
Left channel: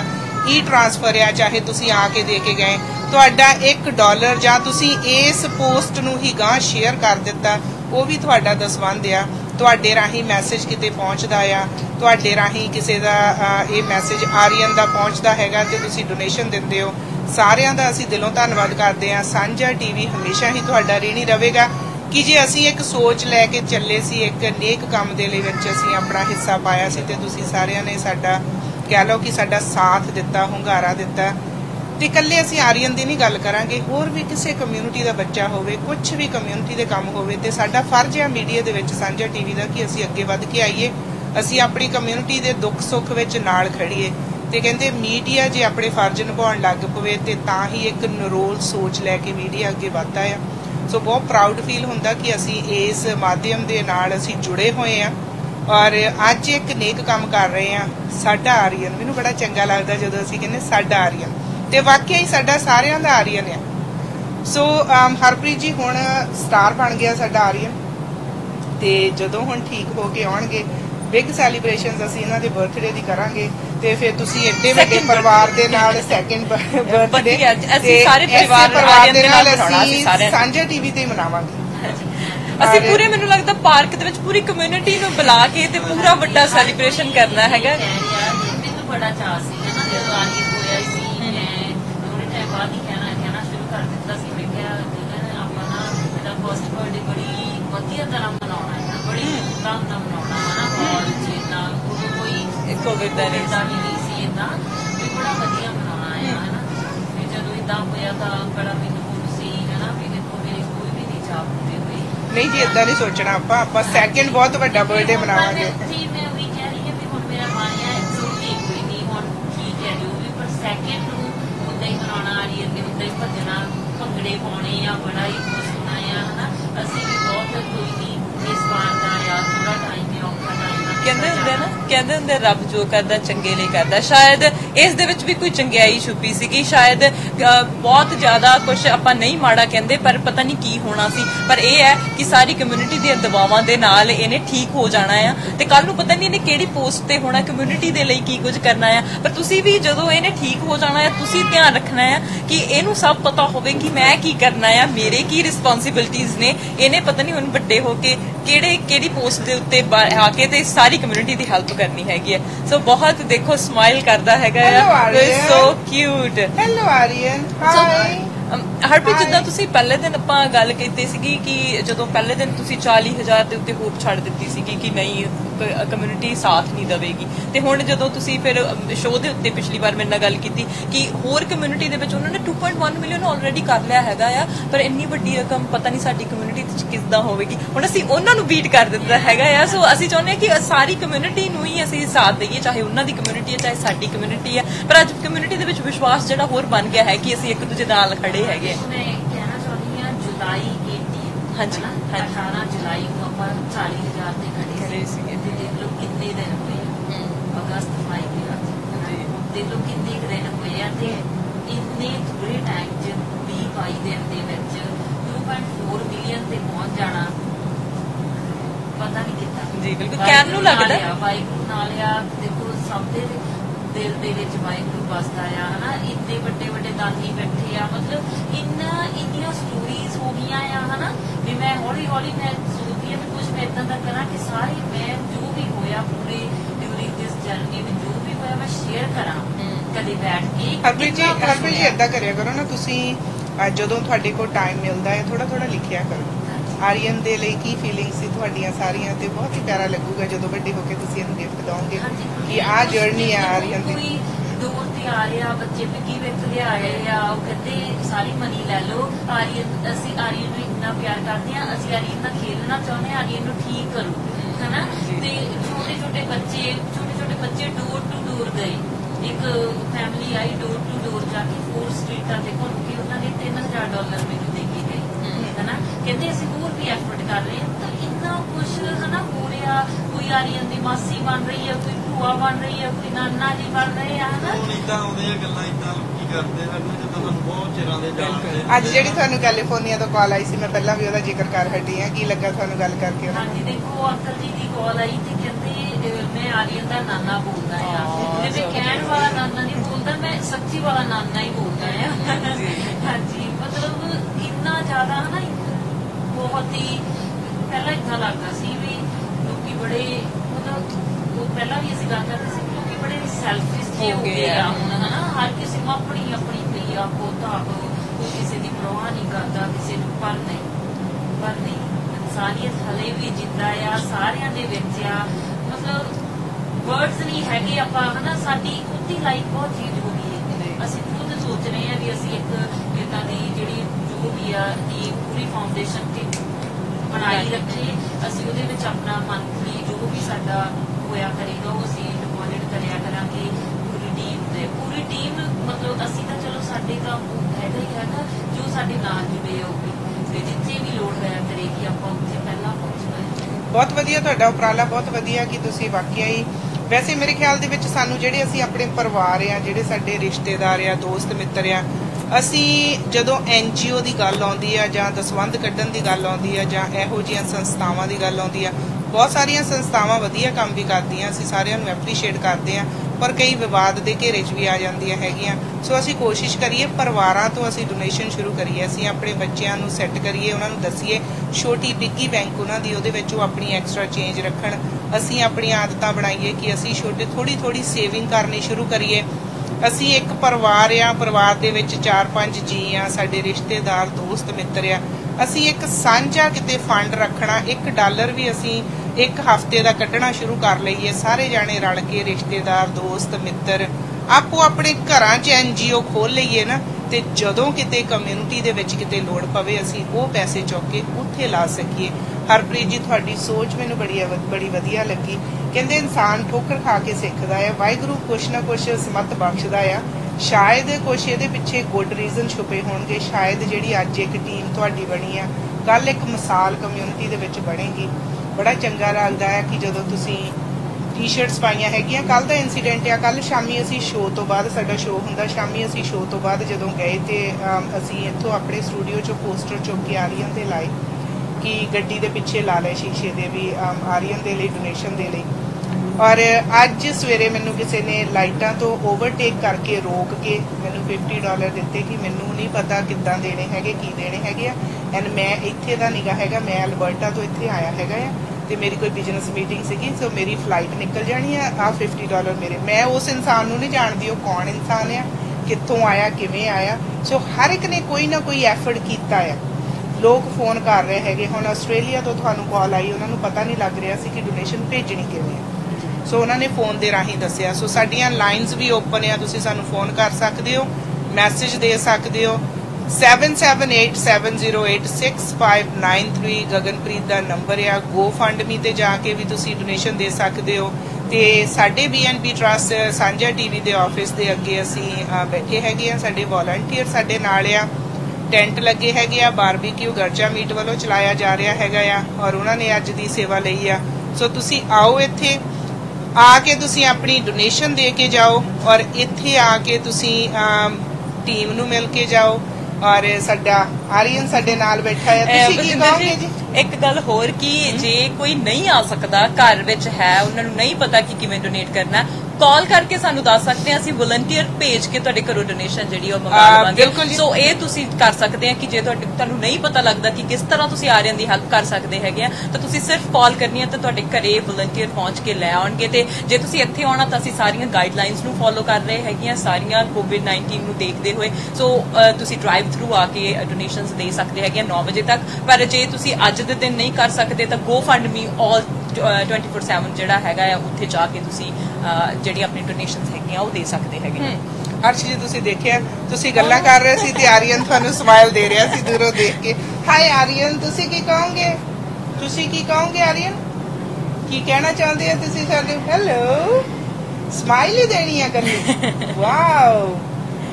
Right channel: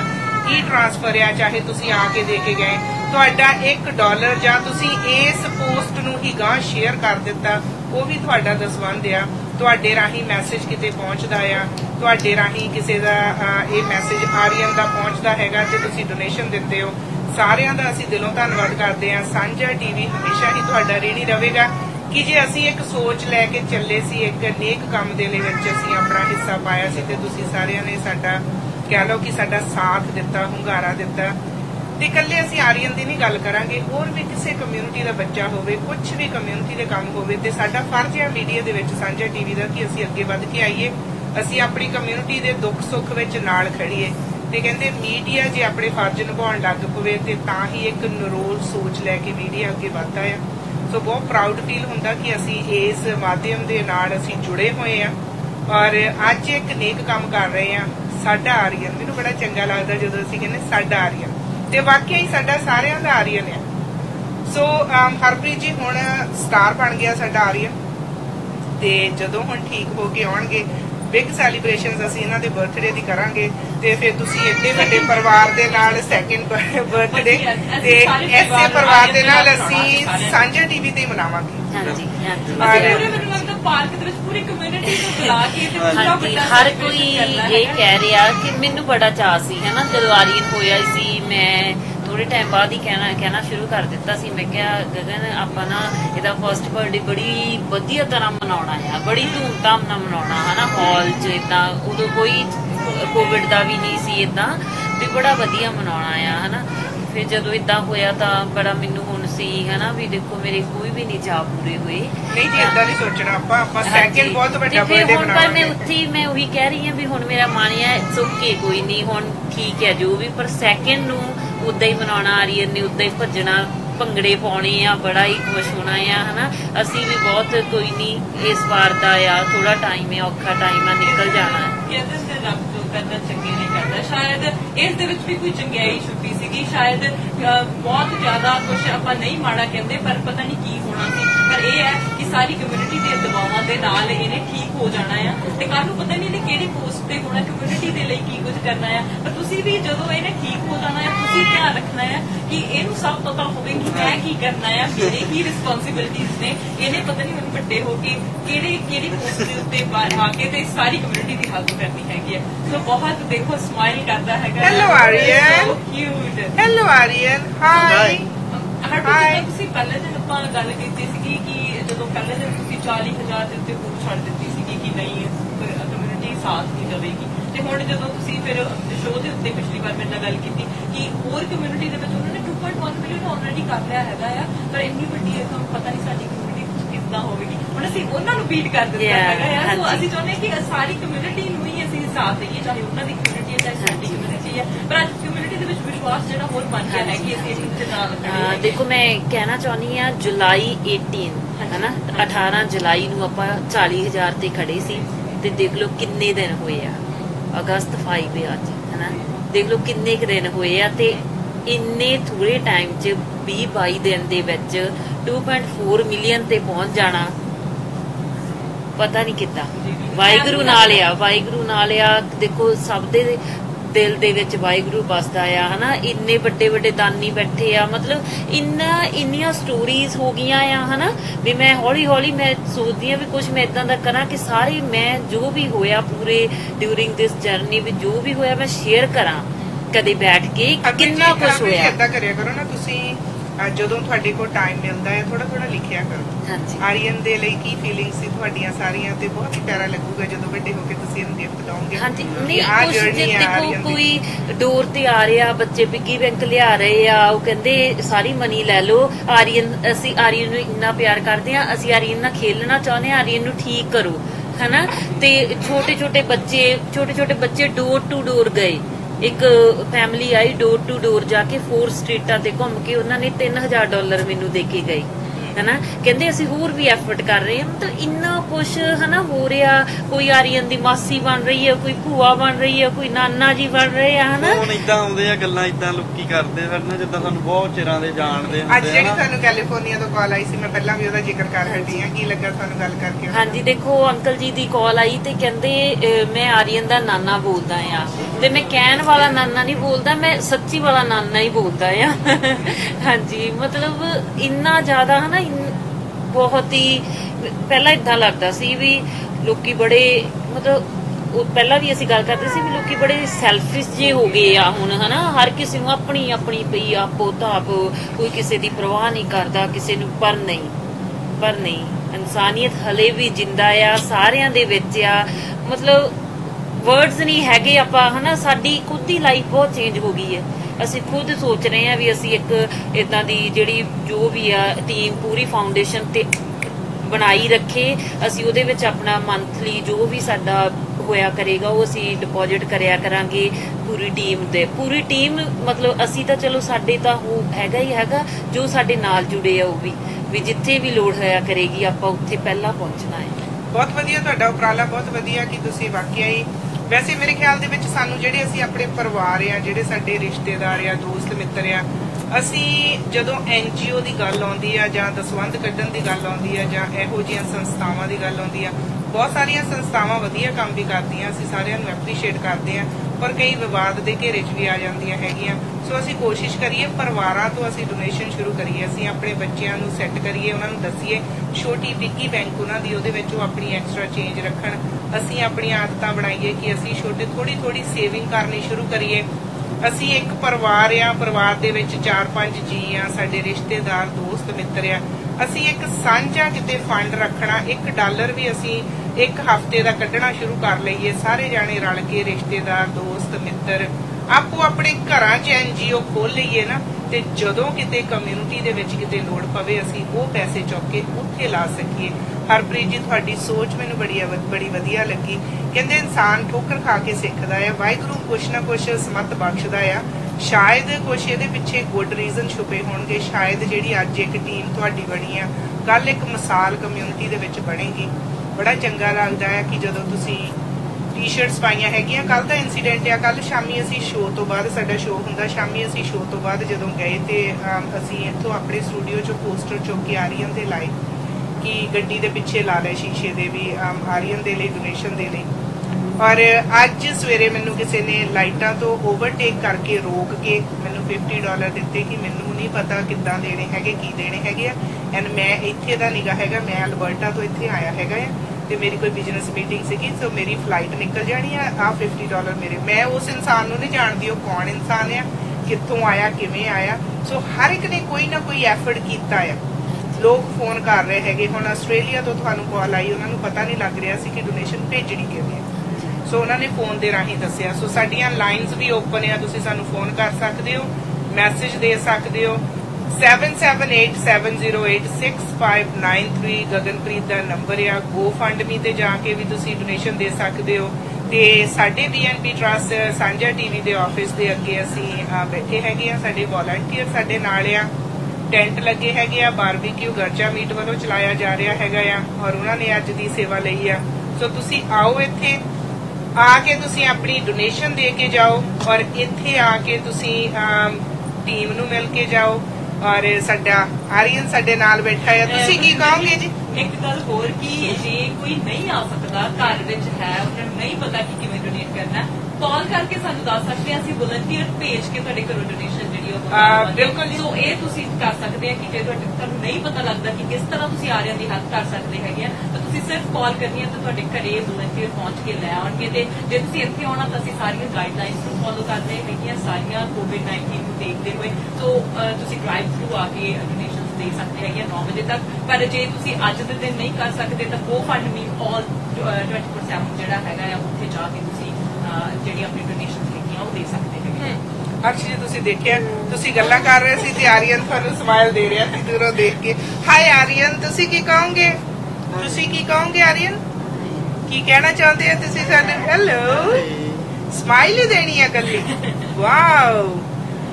ਕੀ ਟ੍ਰਾਂਸਫਰ ਆ, ਚਾਹੇ ਤੁਸੀਂ ਆ ਕੇ ਦੇ ਕੇ ਗਏ, ਤੁਹਾਡਾ $1 ਜਾਂ ਤੁਸੀਂ ਇਸ ਪੋਸਟ ਨੂੰ ਹੀ ਗਾਂ ਸ਼ੇਅਰ ਕਰ ਦਿੱਤਾ, ਉਹ ਵੀ ਤੁਹਾਡਾ ਦਸਵੰਧ ਆ। ਤੁਹਾਡੇ ਰਾਹੀਂ ਮੈਸੇਜ ਕਿਤੇ ਪਹੁੰਚਦਾ ਆ, ਤੁਹਾਡੇ ਰਾਹੀਂ ਕਿਸੇ ਦਾ ਇਹ ਮੈਸੇਜ ਆਰੀਅਨ ਦਾ ਪਹੁੰਚਦਾ ਹੈਗਾ ਤੇ ਤੁਸੀਂ ਡੋਨੇਸ਼ਨ ਦਿੰਦੇ ਹੋ, ਸਾਰਿਆਂ ਦਾ ਅਸੀਂ ਦਿਲੋਂ ਧੰਨਵਾਦ ਕਰਦੇ ਹਾਂ। ਸਾਂਝਾ ਟੀਵੀ ਹਮੇਸ਼ਾ ਹੀ ਤੁਹਾਡਾ ਰੀਣੀ ਰਹੇਗਾ ਕਿ ਜੇ ਅਸੀਂ ਇੱਕ ਸੋਚ ਲੈ ਕੇ ਚੱਲੇ ਸੀ, ਇੱਕ ਨੇਕ ਕੰਮ ਦੇ ਲਈ ਵਿੱਚ ਅਸੀਂ ਆਪਣਾ ਹਿੱਸਾ ਪਾਇਆ ਸੀ, ਤੇ ਤੁਸੀਂ ਸਾਰਿਆਂ ਨੇ ਸਾਡਾ ਕਹਿ ਲਓ ਕਿ ਸਾਡਾ ਸਾਥ ਦਿੱਤਾ, ਹੁੰਗਾਰਾ ਦਿੱਤਾ। ਤੇ ਇਕੱਲੇ ਅਸੀਂ ਆਰੀਅਨ ਦੀ ਨਹੀਂ ਗੱਲ ਕਰਾਂਗੇ, ਹੋਰ ਵੀ ਕਿਸੇ ਕਮਿਊਨਿਟੀ ਦਾ ਬੱਚਾ ਹੋਵੇ, ਕੁਝ ਵੀ ਕਮਿਊਨਿਟੀ ਦੇ ਕੰਮ ਹੋਵੇ, ਤੇ ਸਾਡਾ ਫਰਜ਼ ਹੈ ਮੀਡੀਆ ਦੇ ਵਿੱਚ, ਸਾਂਝਾ ਟੀਵੀ ਦਾ, ਕਿ ਅਸੀਂ ਅੱਗੇ ਵੱਧ ਕੇ ਆਈਏ, ਅਸੀਂ ਆਪਣੀ ਕਮਿਊਨਿਟੀ ਦੇ ਦੁੱਖ ਸੁੱਖ ਵਿੱਚ ਨਾਲ ਖੜੀਏ। ਤੇ ਕਹਿੰਦੇ ਮੀਡੀਆ ਜੇ ਆਪਣੇ ਫਰਜ਼ ਨਿਭਾਉਣ ਲੱਗ ਪਵੇ ਤੇ ਤਾਂ ਹੀ ਇੱਕ ਨਰੋਲ ਸੋਚ ਲੈ ਕੇ ਮੀਡੀਆ ਅੱਗੇ ਵੱਧਦਾ ਹੈ। ਸੋ ਬਹੁਤ ਪ੍ਰਾਊਡ ਫੀਲ ਹੁੰਦਾ ਕਿ ਅਸੀਂ ਇਸ ਮਾਧਿਅਮ ਦੇ ਨਾਲ ਅਸੀਂ ਜੁੜੇ ਹੋਏ ਹਾਂ, ਔਰ ਅੱਜ ਇੱਕ ਨੇਕ ਕੰਮ ਕਰ ਰਹੇ ਹਾਂ। ਸਾਡਾ ਆਰੀਅਨ, ਮੈਨੂੰ ਬੜਾ ਚੰਗਾ ਲੱਗਦਾ ਜਦੋਂ ਅਸੀਂ ਕਹਿੰਦੇ ਸਾਡਾ ਆਰੀਅਨ, ਤੇ ਵਾਕਿਆ ਹੀ ਸਾਡਾ ਸਾਰਿਆਂ ਦਾ ਆਰੀਅਨ ਹੈ। ਸੋ ਹਰਪ੍ਰੀਤ ਜੀ ਹੁਣ ਸਟਾਰ ਬਣ ਗਿਆ ਸਾਡਾ ਆਰੀਅਨ, ਤੇ ਜਦੋਂ ਹੁਣ ਠੀਕ ਹੋ ਕੇ ਆਉਣਗੇ ਬਿਗ ਸੈਲੀਬ੍ਰੇਸ਼ਨਸ ਅਸੀਂ ਇਹਨਾਂ ਦੀ ਬਰਥਡੇ ਦੀ ਕਰਾਂਗੇ, ਤੇ ਫਿਰ ਤੁਸੀਂ ਅੱਗੇ ਵੱਡੇ ਪਰਿਵਾਰ ਦੇ ਨਾਲ ਸੈਕਿੰਡ ਬਰਥਡੇ ਅਸੀਂ ਸਾਰੇ ਪਰਿਵਾਰ ਦੇ ਨਾਲ ਅਸੀਂ ਸਾਂਝਾ ਟੀਵੀ ਤੇ ਮਨਾਵਾਂਗੇ। ਅਸੀਂ ਪੂਰੇ, ਮੈਨੂੰ ਲੱਗਦਾ ਪਾਰਕ ਦੇ ਵਿੱਚ ਪੂਰੀ ਕਮਿਊਨਿਟੀ ਨੂੰ ਬੁਲਾ ਕੇ ਤੇ ਪੂਰਾ ਵੱਡਾ ਸੈਲੀਬ੍ਰੇਸ਼ਨ ਕਰਨਾ ਹੈਗਾ। ਕਹਿ ਰਿਹਾ ਕਿ ਮੈਨੂੰ ਬੜਾ ਚਾਅ ਸੀ ਹੈ ਨਾ, ਜਦੋਂ ਆਰੀਅਨ ਹੋਇਆ ਸੀ, ਮੈਂ ਥੋੜੇ ਟਾਈਮ ਬਾਅਦ ਹੀ ਕਹਿਣਾ ਸ਼ੁਰੂ ਕਰ ਦਿੱਤਾ ਸੀ। ਮੈਂ ਕਿਹਾ ਗਗਨ ਆਪਾਂ ਨਾ ਇਹਦਾ ਫਸਟ ਬਰਥਡੇ ਬੜੀ ਵਧੀਆ ਤਰ੍ਹਾਂ ਮਨਾਉਣਾ ਹੈ, ਬੜੀ ਧੂਮਧਾਮ ਨਾਲ ਮਨਾਉਣਾ ਹੈ ਨਾ, ਹਾਲ 'ਚ ਇੱਦਾਂ, ਉਦੋਂ ਕੋਈ ਕੋਵਿਡ ਦਾ ਵੀ ਨਹੀਂ ਸੀ, ਇੱਦਾਂ ਵੀ ਬੜਾ ਵਧੀਆ ਮਨਾਉਣਾ ਆ ਹੈ ਨਾ। ਫਿਰ ਜਦੋਂ ਇੱਦਾਂ ਹੋਇਆ ਤਾਂ ਬੜਾ ਮੈਨੂੰ ਹੁਣ ਸੀ ਹੈ ਨਾ ਵੀ ਦੇਖੋ ਮੇਰੇ ਕੋਈ ਵੀ ਨਹੀਂ ਚਾਅ ਪੂਰੇ ਹੋਏ। ਨਹੀਂ ਜੀ, ਏਦਾਂ ਨਹੀਂ ਸੋਚਣਾ ਆਪਾਂ ਸੈਕਿੰਡ ਬਹੁਤ ਵੱਡਾ ਬਰਥਡੇ ਮਨਾਵਾਂਗੇ। ਮੈਂ ਉਹੀ ਕਹਿ ਰਹੀ ਹਾਂ ਵੀ ਹੁਣ ਮੇਰਾ ਮਨ ਹੈ ਸੋਕੇ ਕੋਈ ਨਹੀਂ, ਹੁਣ ਠੀਕ ਹੈ ਜੋ ਵੀ, ਪਰ ਸੈਕਿੰਡ ਨੂੰ ਉਦਾਂ ਹੀ ਮਨਾਉਣਾ, ਆਰੀਅਨ ਨੇ ਉਦਾਂ ਹੀ ਭੱਜਣਾ, ਭੰਗੜੇ ਪਾਉਣੇ ਆ, ਬੜਾ ਹੀ ਖੁਸ਼ ਹੋਣਾ ਆ ਹਨਾ। ਅਸੀਂ ਵੀ ਬਹੁਤ ਕੋਈ ਨਹੀਂ ਇਸ ਵਾਰ ਦਾ ਆ, ਥੋੜਾ ਟਾਈਮ ਹੈ, ਔਖਾ ਟਾਈਮ ਆ, ਨਿਕਲ ਜਾਣਾ। ਕਹਿੰਦੇ ਹੁੰਦੇ ਰੱਬ ਜੋ ਕਰਦਾ ਚੰਗੇ ਲਈ ਕਰਦਾ, ਸ਼ਾਇਦ ਇਸ ਦੇ ਵਿੱਚ ਵੀ ਕੋਈ ਚੰਗਿਆਈ ਛੁਪੀ ਸੀਗੀ, ਸ਼ਾਇਦ ਬਹੁਤ ਜ਼ਿਆਦਾ ਕੁਝ ਆਪਾਂ ਨਹੀਂ ਮਾੜਾ ਕਹਿੰਦੇ, ਪਰ ਪਤਾ ਨਹੀਂ ਕੀ ਹੋਣਾ ਸੀ। ਪਰ ਇਹ ਹੈ ਕਿ ਸਾਰੀ ਕਮਿਊਨਿਟੀ ਦੀਆਂ ਦਵਾਵਾਂ ਦੇ ਨਾਲ ਇਹਨੇ ਠੀਕ ਹੋ ਜਾਣਾ ਆ, ਤੇ ਕੱਲ ਨੂੰ ਪਤਾ ਨਹੀਂ ਇਹਨੇ ਕਿਹੜੀ ਪੋਸਟ ਤੇ ਹੋਣਾ, ਕਮਿਊਨਿਟੀ ਦੇ ਲਈ ਕੀ ਕੁਝ ਕਰਨਾ ਆ। ਪਰ ਤੁਸੀਂ ਵੀ ਜਦੋਂ ਇਹਨੇ ਠੀਕ ਹੋ ਜਾਣਾ ਆ, ਤੁਸੀਂ ਧਿਆਨ ਰੱਖਣਾ ਆ ਕਿ ਇਹਨੂੰ ਸਭ ਪਤਾ ਹੋਵੇ ਕਿ ਮੈਂ ਕੀ ਕਰਨਾ ਆ, ਮੇਰੇ ਕੀ ਰਿਸਪੌਂਸਿਬਿਲਿਟੀਜ਼ ਨੇ। ਇਹਨੇ ਪਤਾ ਨਹੀਂ ਹੁਣ ਵੱਡੇ ਹੋ ਕੇ ਕਿਹੜੀ ਪੋਸਟ ਦੇ ਉੱਤੇ ਆ ਕੇ ਤੇ ਸਾਰੀ ਕਮਿਊਨਿਟੀ ਦੀ ਹੈਲਪ ਕਰਨੀ ਹੈਗੀ ਹੈ। ਸੋ ਬਹੁਤ ਦੇਖੋ ਸਮਾਈਲ ਕਰਦਾ ਹੈਗਾ ਆ, so cute. Hello Aryan, high. Harpreet, ਜਿੱਦਾਂ ਤੁਸੀਂ ਪਹਿਲੇ ਦਿਨ ਆਪਾਂ ਗੱਲ ਕੀਤੀ ਸੀਗੀ ਕਿ ਜਦੋਂ ਪਹਿਲੇ ਦਿਨ ਤੁਸੀਂ 40,000 ਦੇ ਉੱਤੇ ਹੋਪ ਛੱਡ ਦਿੱਤੀ ਸੀਗੀ ਕਿ ਨਹੀਂ ਕਮਿਊਨਿਟੀ ਸਾਥ ਨਹੀਂ ਦੇਵੇਗੀ, ਤੇ ਹੁਣ ਜਦੋਂ ਤੁਸੀਂ ਫਿਰ ਸ਼ੋਅ ਦੇ ਉੱਤੇ ਪਿਛਲੀ ਵਾਰ ਮੇਰੇ ਨਾਲ ਗੱਲ ਕੀਤੀ ਕਿ ਹੋਰ ਕਮਿਊਨਿਟੀ ਦੇ ਵਿੱਚ ਉਹਨਾਂ ਨੇ 2.1 ਮਿਲੀਅਨ ਆਲਰੇਡੀ ਕਰ ਲਿਆ ਹੈਗਾ ਆ, ਪਰ ਇੰਨੀ ਵੱਡੀ ਰਕਮ ਪਤਾ ਨਹੀਂ ਸਾਡੀ ਕਮਿਊਨਿਟੀ ਵਿੱਚ ਕਿੱਦਾਂ ਹੋਵੇਗੀ। ਹੁਣ ਅਸੀਂ ਉਹਨਾਂ ਨੂੰ ਬੀਟ ਕਰ ਦਿੱਤਾ ਹੈਗਾ ਆ। ਸੋ ਅਸੀਂ ਚਾਹੁੰਦੇ ਹਾਂ ਕਿ ਸਾਰੀ ਕਮਿਊਨਿਟੀ ਨੂੰ ਹੀ ਅਸੀਂ ਸਾਥ ਦੇਈਏ, ਚਾਹੇ ਉਹਨਾਂ ਦੀ ਕਮਿਊਨਿਟੀ ਹੈ ਚਾਹੇ ਸਾਡੀ ਕਮਿਊਨਿਟੀ ਹੈ, ਪਰ ਅੱਜ ਕਮਿਊਨਿਟੀ ਦੇ ਵਿੱਚ ਵਿਸ਼ਵਾਸ ਜਿਹੜਾ ਹੋਰ ਬਣ ਗਿਆ ਹੈ ਕਿ ਅਸੀਂ ਇੱਕ ਦੂਜੇ ਨਾਲ ਖੜੇ ਹੈਗੇ। ਦੇਖੋ ਮੈਂ ਕਹਿਣਾ ਚਾਹੁੰਦੀ ਹਾਂ ਜੁਲਾਈ 18 ਹੈ ਨਾ, 18 ਜੁਲਾਈ ਨੂੰ ਆਪਾਂ 40,000 ਤੇ ਖੜੇ ਸੀ, ਤੇ ਦੇਖ ਲਓ ਕਿੰਨੇ ਦਿਨ ਹੋਏ ਆ, ਅਗਸਤ 5 ਹੈ ਅੱਜ ਹੈ ਨਾ, ਦੇਖ ਲਓ ਕਿੰਨੇ ਕੁ ਦਿਨ ਹੋਏ ਆ ਤੇ ਇੰਨੇ ਥੋੜੇ ਟਾਈਮ 'ਚ 20-22 ਦਿਨ ਦੇ ਵਿੱਚ 2.4 ਮਿਲੀਅਨ ਤੇ ਪਹੁੰਚ ਜਾਣਾ ਪਤਾ ਨਹੀਂ ਕਿੱਦਾਂ। ਵਾਹਿਗੁਰੂ ਨਾਲ ਆ, ਵਾਹਿਗੁਰੂ ਨਾਲ ਆ। ਦੇਖੋ ਸਭ ਦੇ ਦਿਲ ਦੇ ਵਿੱਚ ਵਾਹਿਗੁਰੂ ਵਸਦਾ ਆ ਹਨਾ। ਇੰਨੇ ਵੱਡੇ ਵੱਡੇ ਦਾਨੀ ਬੈਠੇ ਆ, ਮਤਲਬ ਇੰਨੀਆਂ ਸਟੋਰੀਜ਼ ਹੋ ਗਈਆਂ ਆ ਹਨਾ ਵੀ ਮੈਂ ਹੌਲੀ ਹੌਲੀ ਮੈਂ ਸੋਚਦੀ ਆ ਵੀ ਕੁਝ ਮੈਂ ਇਦਾਂ ਦਾ ਕਰਾਂ ਕਿ ਸਾਰੇ ਮੈਂ ਜੋ ਵੀ ਹੋਇਆ ਪੂਰੇ ਡਿਊਰਿੰਗ ਦਿਸ ਜਰਨੀ ਵਿੱਚ ਜੋ ਵੀ ਹੋਇਆ ਮੈਂ ਸ਼ੇਅਰ ਕਰਾਂ ਕਦੇ ਬੈਠ ਕੇ ਕਿੰਨਾ ਕੁਝ ਹੋਇਆ। ਏਦਾਂ ਕਰਿਆ ਕਰੋ ਨਾ ਤੁਸੀਂ, ਜਦੋਂ ਤੁਹਾਡੇ ਕੋਲ ਟਾਈਮ ਮਿਲਦਾ ਹੈ ਥੋੜਾ ਥੋੜਾ ਲਿਖਿਆ ਕਰੋ ਆਰੀਅਨ ਦੇ ਲਈ ਕੀ ਫੀਲਿੰਗ ਸੀ ਤੁਹਾਡੀਆਂ ਸਾਰੀਆਂ, ਤੇ ਬਹੁਤ ਪਿਆਰਾ ਲੱਗੂਗਾ ਜਦੋਂ ਵੱਡੇ ਹੋ ਕੇ ਤੁਸੀਂ ਇਹਨੂੰ ਗਿਫਟ ਦੋਗੇ। ਹਾਂਜੀ ਆ ਜਰਨੀ ਆ ਆਰੀਅਨ ਦੀ। ਕੋਈ ਡੋਰ ਤੇ ਆ ਰਿਹਾ, ਬੱਚੇ ਪਿੱਗੀ ਬੈਂਕ ਲਿਆ ਰਹੇ ਆ, ਉਹ ਕਹਿੰਦੇ ਸਾਰੀ ਮਨੀ ਲੈ ਲਓ ਆਰੀਅਨ, ਅਸੀਂ ਆਰੀਅਨ ਨੂੰ ਇੰਨਾ ਪਿਆਰ ਕਰਦੇ ਆ, ਅਸੀਂ ਆਰੀਅਨ ਨਾਲ ਖੇਲਣਾ ਚਾਹੁੰਦੇ ਆ, ਆਰੀਅਨ ਨੂੰ ਠੀਕ ਕਰੋ ਹਨਾ। ਤੇ ਛੋਟੇ ਛੋਟੇ ਬੱਚੇ ਡੋਰ ਟੂ ਡੋਰ ਗਏ। ਇੱਕ family I door to door ਜਾ ਕੇ 4 ਸਟਰੀਟਾਂ ਤੇ ਘੁੰਮ ਕੇ ਉਹਨਾਂ ਨੇ $3000 ਮੈਨੂੰ ਦੇ ਕੇ ਗਏ ਹਨਾ। ਕਹਿੰਦੇ ਅਸੀਂ ਹੋਰ ਵੀ ਐਫਰਟ ਕਰ ਰਹੇ ਹਾਂ। ਤਾਂ ਇੰਨਾ ਕੁਛ ਹਨਾ ਹੋ ਰਿਹਾ। ਕੋਈ ਆਰੀਅਨ ਦੀ ਮਾਸੀ ਬਣ ਰਹੀ ਹੈ, ਕੋਈ ਭੂਆ ਬਣ ਰਹੀ ਹੈ, ਕੋਈ ਨਾਨਾ ਜੀ ਬਣ ਰਹੇ ਆ ਹਨਾ। ਹੁਣ ਇਦਾਂ ਆਉਂਦੇ ਆ ਗੱਲਾਂ, ਇਦਾਂ ਲੋਕੀ ਕਰਦੇ ਫਿਰਦੇ ਜਿੱਦਾਂ ਤੁਹਾਨੂੰ ਬਹੁਤ ਚਿਰਾਂ ਦੇ ਜਾਣਦੇ। ਅੱਜ ਜਿਹੜੀ ਤੁਹਾਨੂੰ ਕੈਲੀਫੋਰਨੀਆ ਤੋਂ ਕਾਲ ਆਈ ਸੀ, ਮੈਂ ਪਹਿਲਾਂ ਵੀ ਉਹਦਾ ਜ਼ਿਕਰ ਕਰ ਹਟੀ ਆ, ਕੀ ਲੱਗਾ ਤੁਹਾਨੂੰ ਗੱਲ ਕਰਕੇ? ਹਾਂਜੀ ਦੇਖੋ ਅੰਕਲ ਜੀ ਦੀ ਕਾਲ ਆਈ ਤੇ ਕਹਿੰਦੇ ਮੈਂ ਆਰੀਅਨ ਦਾ ਨਾਨਾ ਬੋਲਦਾ ਆ, ਤੇ ਮੈਂ ਕਹਿਣ ਵਾਲਾ ਨਾਨਾ ਨਹੀਂ ਬੋਲਦਾ, ਮੈਂ ਸੱਚੀ ਵਾਲਾ ਨਾਨਾ ਹੀ ਬੋਲਦਾ ਆ। ਹਾਂਜੀ ਮਤਲਬ ਇੰਨਾ ਜ਼ਿਆਦਾ ਹਨਾ, ਬਹੁਤ ਹੀ ਪਹਿਲਾਂ ਏਦਾਂ ਲੱਗਦਾ ਸੀ ਵੀ ਲੋਕੀ ਬੜੇ ਮਤਲਬ ਉਹ ਪਹਿਲਾਂ ਵੀ ਅਸੀਂ ਗੱਲ ਕਰਦੇ ਸੀ ਵੀ ਲੋਕੀ ਬੜੇ ਸੈਲਫਿਸ਼ ਜੇ ਹੋ ਗਏ ਆ ਹੁਣ ਹਨਾ। ਹਰ ਕਿਸੇ ਨੂੰ ਆਪਣੀ ਆਪਣੀ ਪਈ ਆਪੋ ਤਾਪ, ਕੋਈ ਕਿਸੇ ਦੀ ਪਰਵਾਹ ਨਹੀਂ ਕਰਦਾ ਕਿਸੇ ਨੂੰ। ਪਰ ਨਹੀਂ ਇਨਸਾਨੀਅਤ ਹਲੇ ਵੀ ਜਿੰਦਾ ਆ, ਸਾਰਿਆਂ ਦੇ ਵਿੱਚ ਆ। ਮਤਲਬ ਵਰਡਸ ਨਹੀਂ ਹੈਗੇ ਆਪਾਂ ਹਨਾ। ਸਾਡੀ ਖੁਦ ਦੀ ਲਾਈਫ ਬਹੁਤ ਚੇਂਜ ਹੋ ਗਈ ਹੈ। ਅਸੀਂ ਖੁਦ ਸੋਚ ਰਹੇ ਹਾਂ ਵੀ ਅਸੀਂ ਇੱਕ ਇਦਾਂ ਦੀ ਜਿਹੜੀ ਜੋ ਵੀ ਆ ਟੀਮ ਪੂਰੀ ਫਾਊਂਡੇਸ਼ਨ ਤੇ ਬਣਾਈ ਰੱਖੇ। ਅਸੀਂ ਉਹਦੇ ਵਿੱਚ ਆਪਣਾ ਮੰਥਲੀ ਜੋ ਵੀ ਸਾਡਾ ਹੋਇਆ ਕਰੇਗਾ ਉਹ ਅਸੀਂ ਡਿਪੋਜ਼ਿਟ ਕਰਿਆ ਕਰਾਂਗੇ ਪੂਰੀ ਟੀਮ ਤੇ। ਪੂਰੀ ਟੀਮ ਮਤਲਬ ਅਸੀਂ ਤਾਂ ਚਲੋ ਸਾਡੇ ਤਾਂ ਉਹ ਹੈਗਾ ਹੀ ਹੈਗਾ, ਜੋ ਸਾਡੇ ਨਾਲ ਜੁੜੇ ਆ ਉਹ ਵੀ ਜਿੱਥੇ ਵੀ ਲੋੜ ਹੋਇਆ ਕਰੇਗੀ ਆਪਾਂ ਉੱਥੇ ਪਹਿਲਾਂ ਪਹੁੰਚਣਾ ਹੈ। ਬਹੁਤ ਵਧੀਆ ਤੁਹਾਡਾ ਉਪਰਾਲਾ, ਬਹੁਤ ਵਧੀਆ ਕਿ ਤੁਸੀਂ ਵਾਕਿਆ ਹੀ। ਵੈਸੇ ਮੇਰੇ ਖਿਆਲ ਦੇ ਵਿੱਚ ਸਾਨੂੰ ਜਿਹੜੇ ਅਸੀਂ ਆਪਣੇ ਪਰਿਵਾਰ ਆ, ਜਿਹੜੇ ਸਾਡੇ ਰਿਸ਼ਤੇਦਾਰ ਆ, ਦੋਸਤ ਮਿੱਤਰ ਆ, ਅਸੀਂ ਜਦੋਂ NGO ਦੀ ਗੱਲ ਆਉਂਦੀ ਆ ਜਾਂ ਦਸਵੰਧ ਕੱਢਣ ਦੀ ਗੱਲ ਆਉਂਦੀ ਆ ਜਾਂ ਇਹੋ ਜਿਹੀਆਂ ਸੰਸਥਾਵਾਂ ਦੀ ਗੱਲ ਆਉਂਦੀ ਆ, ਬਹੁਤ ਸਾਰੀਆਂ ਸੰਸਥਾਵਾਂ ਵਧੀਆ ਕੰਮ ਵੀ ਕਰਦੀਆਂ, ਅਸੀਂ ਸਾਰਿਆਂ ਨੂੰ ਐਪਰੀਸ਼ੀਏਟ ਕਰਦੇ ਆ, ਪਰ ਕਈ ਵਿਵਾਦ ਦੇ ਘੇਰੇ 'ਚ ਵੀ ਆ ਜਾਂਦੀਆਂ ਹੈਗੀਆਂ। ਸੋ ਅਸੀਂ ਕੋਸ਼ਿਸ਼ ਕਰੀਏ ਪਰਿਵਾਰਾਂ ਤੋਂ ਅਸੀਂ ਡੋਨੇਸ਼ਨ ਸ਼ੁਰੂ ਕਰੀਏ, ਅਸੀਂ ਆਪਣੇ ਬੱਚਿਆਂ ਨੂੰ ਸੈੱਟ ਕਰੀਏ, ਉਹਨਾਂ ਨੂੰ ਦੱਸੀਏ ਛੋਟੀ ਪਿੱਗੀ ਬੈਂਕ ਉਹਨਾਂ ਦੀ, ਉਹਦੇ ਵਿੱਚ ਉਹ ਆਪਣੀ ਐਕਸਟਰਾ ਚੇਂਜ ਰੱਖਣ। ਅਸੀਂ ਆਪਣੀਆਂ ਆਦਤਾਂ ਬਣਾਈਏ ਕਿ ਅਸੀਂ ਥੋੜੀ ਸੇਵਿੰਗ ਕਰਨੀ ਸ਼ੁਰੂ ਕਰੀਏ। ਅਸੀਂ ਇੱਕ ਪਰਿਵਾਰ ਆ, ਪਰਿਵਾਰ ਦੇ ਵਿੱਚ 4-5 ਜੀ ਆ, ਸਾਡੇ ਰਿਸ਼ਤੇਦਾਰ ਦੋਸਤ ਮਿੱਤਰ ਆ, ਅਸੀਂ ਇੱਕ ਸਾਂਝਾ ਕਿਤੇ ਫੰਡ ਰੱਖਣਾ। $1 ਵੀ ਅਸੀਂ ਇੱਕ ਹਫ਼ਤੇ ਦਾ ਕੱਢਣਾ ਸ਼ੁਰੂ ਕਰ ਲਈਏ, ਸਾਰੇ ਜਾਣੇ ਰਲ ਕੇ, ਰਿਸ਼ਤੇਦਾਰ ਦੋਸਤ ਮਿੱਤਰ ਆਪੋ ਆਪਣੇ ਘਰਾਂ 'ਚ NGO ਖੋਲ ਲਈਏ ਨਾ, ਤੇ ਜਦੋਂ ਕਿਤੇ ਕਮਿਊਨਿਟੀ ਦੇ ਵਿੱਚ ਕਿਤੇ ਲੋੜ ਪਵੇ ਅਸੀਂ ਉਹ ਪੈਸੇ ਚੁੱਕ ਕੇ ਉੱਥੇ ਲਾ ਸਕੀਏ। ਹਰਪ੍ਰੀਤ ਜੀ ਤੁਹਾਡੀ ਸੋਚ ਮੈਨੂੰ ਬੜੀ ਵਧੀਆ ਲੱਗੀ। ਕਹਿੰਦੇ ਇਨਸਾਨ ਠੋਕਰ ਖਾ ਕੇ ਸਿੱਖਦਾ ਆ, ਵਾਹਿਗੁਰੂ ਕੁਛ ਨਾ ਕੁਛ ਸਮਰਥ ਬਖਸ਼ਦਾ ਆ। ਸ਼ਾਇਦ ਕੁਛ ਇਹਦੇ ਪਿੱਛੇ ਗੁੱਡ ਰੀਜ਼ਨ ਛੁਪੇ ਹੋਣਗੇ। ਸ਼ਾਇਦ ਜਿਹੜੀ ਅੱਜ ਇੱਕ ਟੀਮ ਤੁਹਾਡੀ ਬਣੀ ਆ, ਕੱਲ ਇੱਕ ਮਿਸਾਲ ਕਮਿਊਨਿਟੀ ਦੇ ਵਿੱਚ ਬਣੇਗੀ। ਬੜਾ ਚੰਗਾ ਲੱਗਦਾ ਹੈ ਕਿ ਜਦੋਂ ਤੁਸੀਂ ਟੀ-ਸ਼ਰਟਸ ਪਾਈਆਂ ਹੈਗੀਆਂ। ਕੱਲ ਦਾ ਇਨਸੀਡੈਂਟ ਆ, ਕੱਲ ਸ਼ਾਮੀ ਅਸੀਂ ਸ਼ੋਅ ਤੋਂ ਬਾਅਦ, ਸਾਡਾ ਸ਼ੋਅ ਹੁੰਦਾ ਸ਼ਾਮੀ, ਅਸੀਂ ਸ਼ੋਅ ਤੋਂ ਬਾਅਦ ਜਦੋਂ ਗਏ ਤੇ ਅਸੀਂ ਇੱਥੋਂ ਆਪਣੇ ਸਟੂਡੀਓ 'ਚੋਂ ਪੋਸਟਰ ਚੁੱਕ ਕੇ ਆਰੀਅਨ ਦੇ ਲਾਏ ਕਿ ਗੱਡੀ ਦੇ ਪਿੱਛੇ ਲਾ ਲਏ ਸ਼ੀਸ਼ੇ ਦੇ ਵੀ ਆਰੀਅਨ ਦੇ ਲਈ ਡੋਨੇਸ਼ਨ ਦੇ ਲਈ। ਔਰ ਅੱਜ ਸਵੇਰੇ ਮੈਨੂੰ ਕਿਸੇ ਨੇ ਲਾਈਟਾਂ ਤੋਂ ਓਵਰਟੇਕ ਕਰਕੇ ਰੋਕ ਕੇ ਮੈਨੂੰ $50 ਦਿੱਤੇ ਕਿ ਮੈਨੂੰ ਨਹੀਂ ਪਤਾ ਕਿੱਦਾਂ ਦੇਣੇ ਹੈਗੇ, ਕੀ ਦੇਣੇ ਹੈਗੇ ਆ। ਐਂਡ ਮੈਂ ਇੱਥੇ ਦਾ ਨਿਗਾ ਹੈਗਾ, ਮੈਂ ਅਲਬਰਟਾ ਤੋਂ ਇੱਥੇ ਆਇਆ ਹੈਗਾ ਆ, ਤੇ ਮੇਰੀ ਕੋਈ ਬਿਜ਼ਨਸ ਮੀਟਿੰਗ ਸੀਗੀ, ਸੋ ਮੇਰੀ ਫਲਾਈਟ ਨਿਕਲ ਜਾਣੀ ਆ। ਆਹ $50 ਮੇਰੇ, ਮੈਂ ਉਸ ਇਨਸਾਨ ਨੂੰ ਨਹੀਂ ਜਾਣਦੀ ਉਹ ਕੌਣ ਇਨਸਾਨ ਆ, ਕਿੱਥੋਂ ਆਇਆ, ਕਿਵੇਂ ਆਇਆ। ਸੋ ਹਰ ਇੱਕ ਨੇ ਕੋਈ ਨਾ ਕੋਈ ਐਫਰਟ ਕੀਤਾ ਆ। ਲੋਕ ਫੋਨ ਕਰ ਰਹੇ ਹੈਗੇ। ਹੁਣ ਆਸਟ੍ਰੇਲੀਆ ਤੋਂ ਤੁਹਾਨੂੰ ਕਾਲ ਆਈ, ਉਹਨਾਂ ਨੂੰ ਪਤਾ ਨਹੀਂ ਲੱਗ ਰਿਹਾ ਸੀ ਕਿ ਡੋਨੇਸ਼ਨ ਭੇਜਣੀ ਕਿਵੇਂ, ਸੋ ਉਹਨਾਂ ਨੇ ਫੋਨ ਦੇ ਰਾਹੀਂ ਦੱਸਿਆ। ਸੋ ਸਾਡੀਆਂ ਲਾਈਨਸ ਵੀ ਓਪਨ ਆ, ਤੁਸੀਂ ਸਾਨੂੰ ਫੋਨ ਕਰ ਸਕਦੇ ਹੋ, ਮੈਸੇਜ ਦੇ ਸਕਦੇ ਹੋ। 7787086593 ਗਗਨਪ੍ਰੀਤ ਦਾ ਨੰਬਰ ਆ। GoFundMe ਤੇ ਜਾ ਕੇ ਵੀ ਤੁਸੀਂ ਡੋਨੇਸ਼ਨ ਦੇ ਸਕਦੇ ਹੋ। ਤੇ ਸਾਡੇ BNP ਟਰਸਟ ਸਾਂਝਾ TV ਦੇ ਆਫਿਸ ਦੇ ਅੱਗੇ ਅਸੀਂ ਬੈਠੇ ਹੈਗੇ ਆ, ਸਾਡੇ ਵੋਲੰਟੀਅਰ ਸਾਡੇ ਨਾਲ ਆ, ਟੈਂਟ ਲੱਗੇ ਹੈਗੇ ਆ, ਬਾਰਬੀਕਿਊ ਗਰਜਾ ਮੀਟ ਵੱਲੋਂ ਚਲਾਇਆ ਜਾ ਰਿਹਾ ਹੈਗਾ ਆ, ਔਰ ਉਹਨਾਂ ਨੇ ਅੱਜ ਦੀ ਸੇਵਾ ਲਈ ਆ। ਸੋ ਤੁਸੀਂ ਆਓ ਇੱਥੇ, ਕੇ ਤੁਸੀਂ ਆਪਣੀ ਡੋਨੇਸ਼ਨ ਦੇ ਕੇ ਜਾਓ ਔਰ ਇੱਥੇ ਆ ਕੇ ਤੁਸੀਂ ਟੀਮ ਨੂੰ ਮਿਲ ਕੇ ਜਾਓ। ਔਰ ਸਾਡਾ ਆਰੀਅਨ ਸਾਡੇ ਨਾਲ ਬੈਠਾ ਹੈ, ਤੁਸੀਂ ਕੀ ਕਹੋਗੇ ਜੀ? ਇੱਕ ਗੱਲ ਹੋਰ ਕਿ ਜੇ ਕੋਈ ਨਹੀਂ ਆ ਸਕਦਾ, ਘਰ ਵਿੱਚ ਹੈ, ਉਹਨਾਂ ਨੂੰ ਨਹੀਂ ਪਤਾ ਕਿ ਕਿਵੇਂ ਡੋਨੇਟ ਕਰਨਾ, ਕਾਲ ਕਰਕੇ ਸਾਨੂੰ ਦੱਸ ਸਕਦੇ ਆ, ਅਸੀਂ ਵਲੰਟੀਅਰ ਭੇਜ ਕੇ ਤੁਹਾਡੇ ਘਰੋਂ ਡੋਨੇਸ਼ਨ ਜਿਹੜੀ ਉਹ ਮੰਗਾ ਦੇਵਾਂਗੇ। ਸੋ ਇਹ ਤੁਸੀਂ ਕਰ ਸਕਦੇ ਆ ਕਿ ਜੇ ਤੁਹਾਨੂੰ ਨਹੀਂ ਪਤਾ ਲੱਗਦਾ ਕਿ ਕਿਸ ਤਰ੍ਹਾਂ ਤੁਸੀਂ ਆਰੀਅਨ ਦੀ ਹੈਲਪ ਕਰ ਸਕਦੇ ਹੈਗੇ ਆ, ਤਾਂ ਤੁਸੀਂ ਸਿਰਫ ਕਾਲ ਕਰਨੀ ਹੈ ਤਾਂ ਤੁਹਾਡੇ ਘਰੇ ਵਲੰਟੀਅਰ ਪਹੁੰਚ ਕੇ ਲੈ ਆਉਣਗੇ। ਤੇ ਜੇ ਤੁਸੀਂ ਇੱਥੇ ਆਉਣਾ ਤਾਂ ਅਸੀਂ ਸਾਰੀਆਂ ਗਾਈਡਲਾਈਨਸ ਨੂੰ ਫੋਲੋ ਕਰ ਰਹੇ ਹੈਗੇ ਆ, ਸਾਰੀਆਂ COVID-19 ਨੂੰ ਦੇਖਦੇ ਹੋਏ। ਸੋ ਤੁਸੀਂ ਡਰਾਈਵ ਥਰੂ ਆ ਕੇ ਡੋਨੇਸ਼ਨਸ ਦੇ ਸਕਦੇ ਹੈਗੇ 9 ਵਜੇ ਤੱਕ। ਪਰ ਜੇ ਤੁਸੀਂ ਅੱਜ ਦੇ ਦਿਨ ਨਹੀਂ ਕਰ ਸਕਦੇ ਤਾਂ GoFundMe all 24/7 ਜਿਹੜਾ ਹੈਗਾ ਆ, ਉੱਥੇ ਜਾ ਕੇ ਤੁਸੀਂ ਜਿਹੜੀ ਆਪਣੀ ਡੋਨੇਸ਼ਨਸ ਹੈਗੀਆਂ ਉਹ ਦੇ ਸਕਦੇ ਹੈਗੇ। ਅਰਸ਼ ਜੀ ਤੁਸੀਂ ਦੇਖਿਆ, ਤੁਸੀਂ ਗੱਲਾਂ ਕਰ ਰਹੇ ਸੀ ਤੇ ਆਰੀਅਨ ਤੁਹਾਨੂੰ ਸਮਾਈਲ ਦੇ ਰਿਹਾ ਸੀ ਦੂਰੋਂ ਦੇਖ ਕੇ। ਹਾਏ ਆਰੀਅਨ, ਤੁਸੀਂ ਕੀ ਕਹੋਗੇ? ਤੁਸੀਂ ਕੀ ਕਹੋਗੇ ਆਰੀਅਨ? ਕੀ ਕਹਿਣਾ ਚਾਹੁੰਦੇ ਆ ਤੁਸੀਂ ਸਾਡੇ? ਹੈਲੋ, ਸਮਾਈਲ ਹੀ ਦੇਣੀ ਹੈ ਕੱਲੀ। ਵਾਓ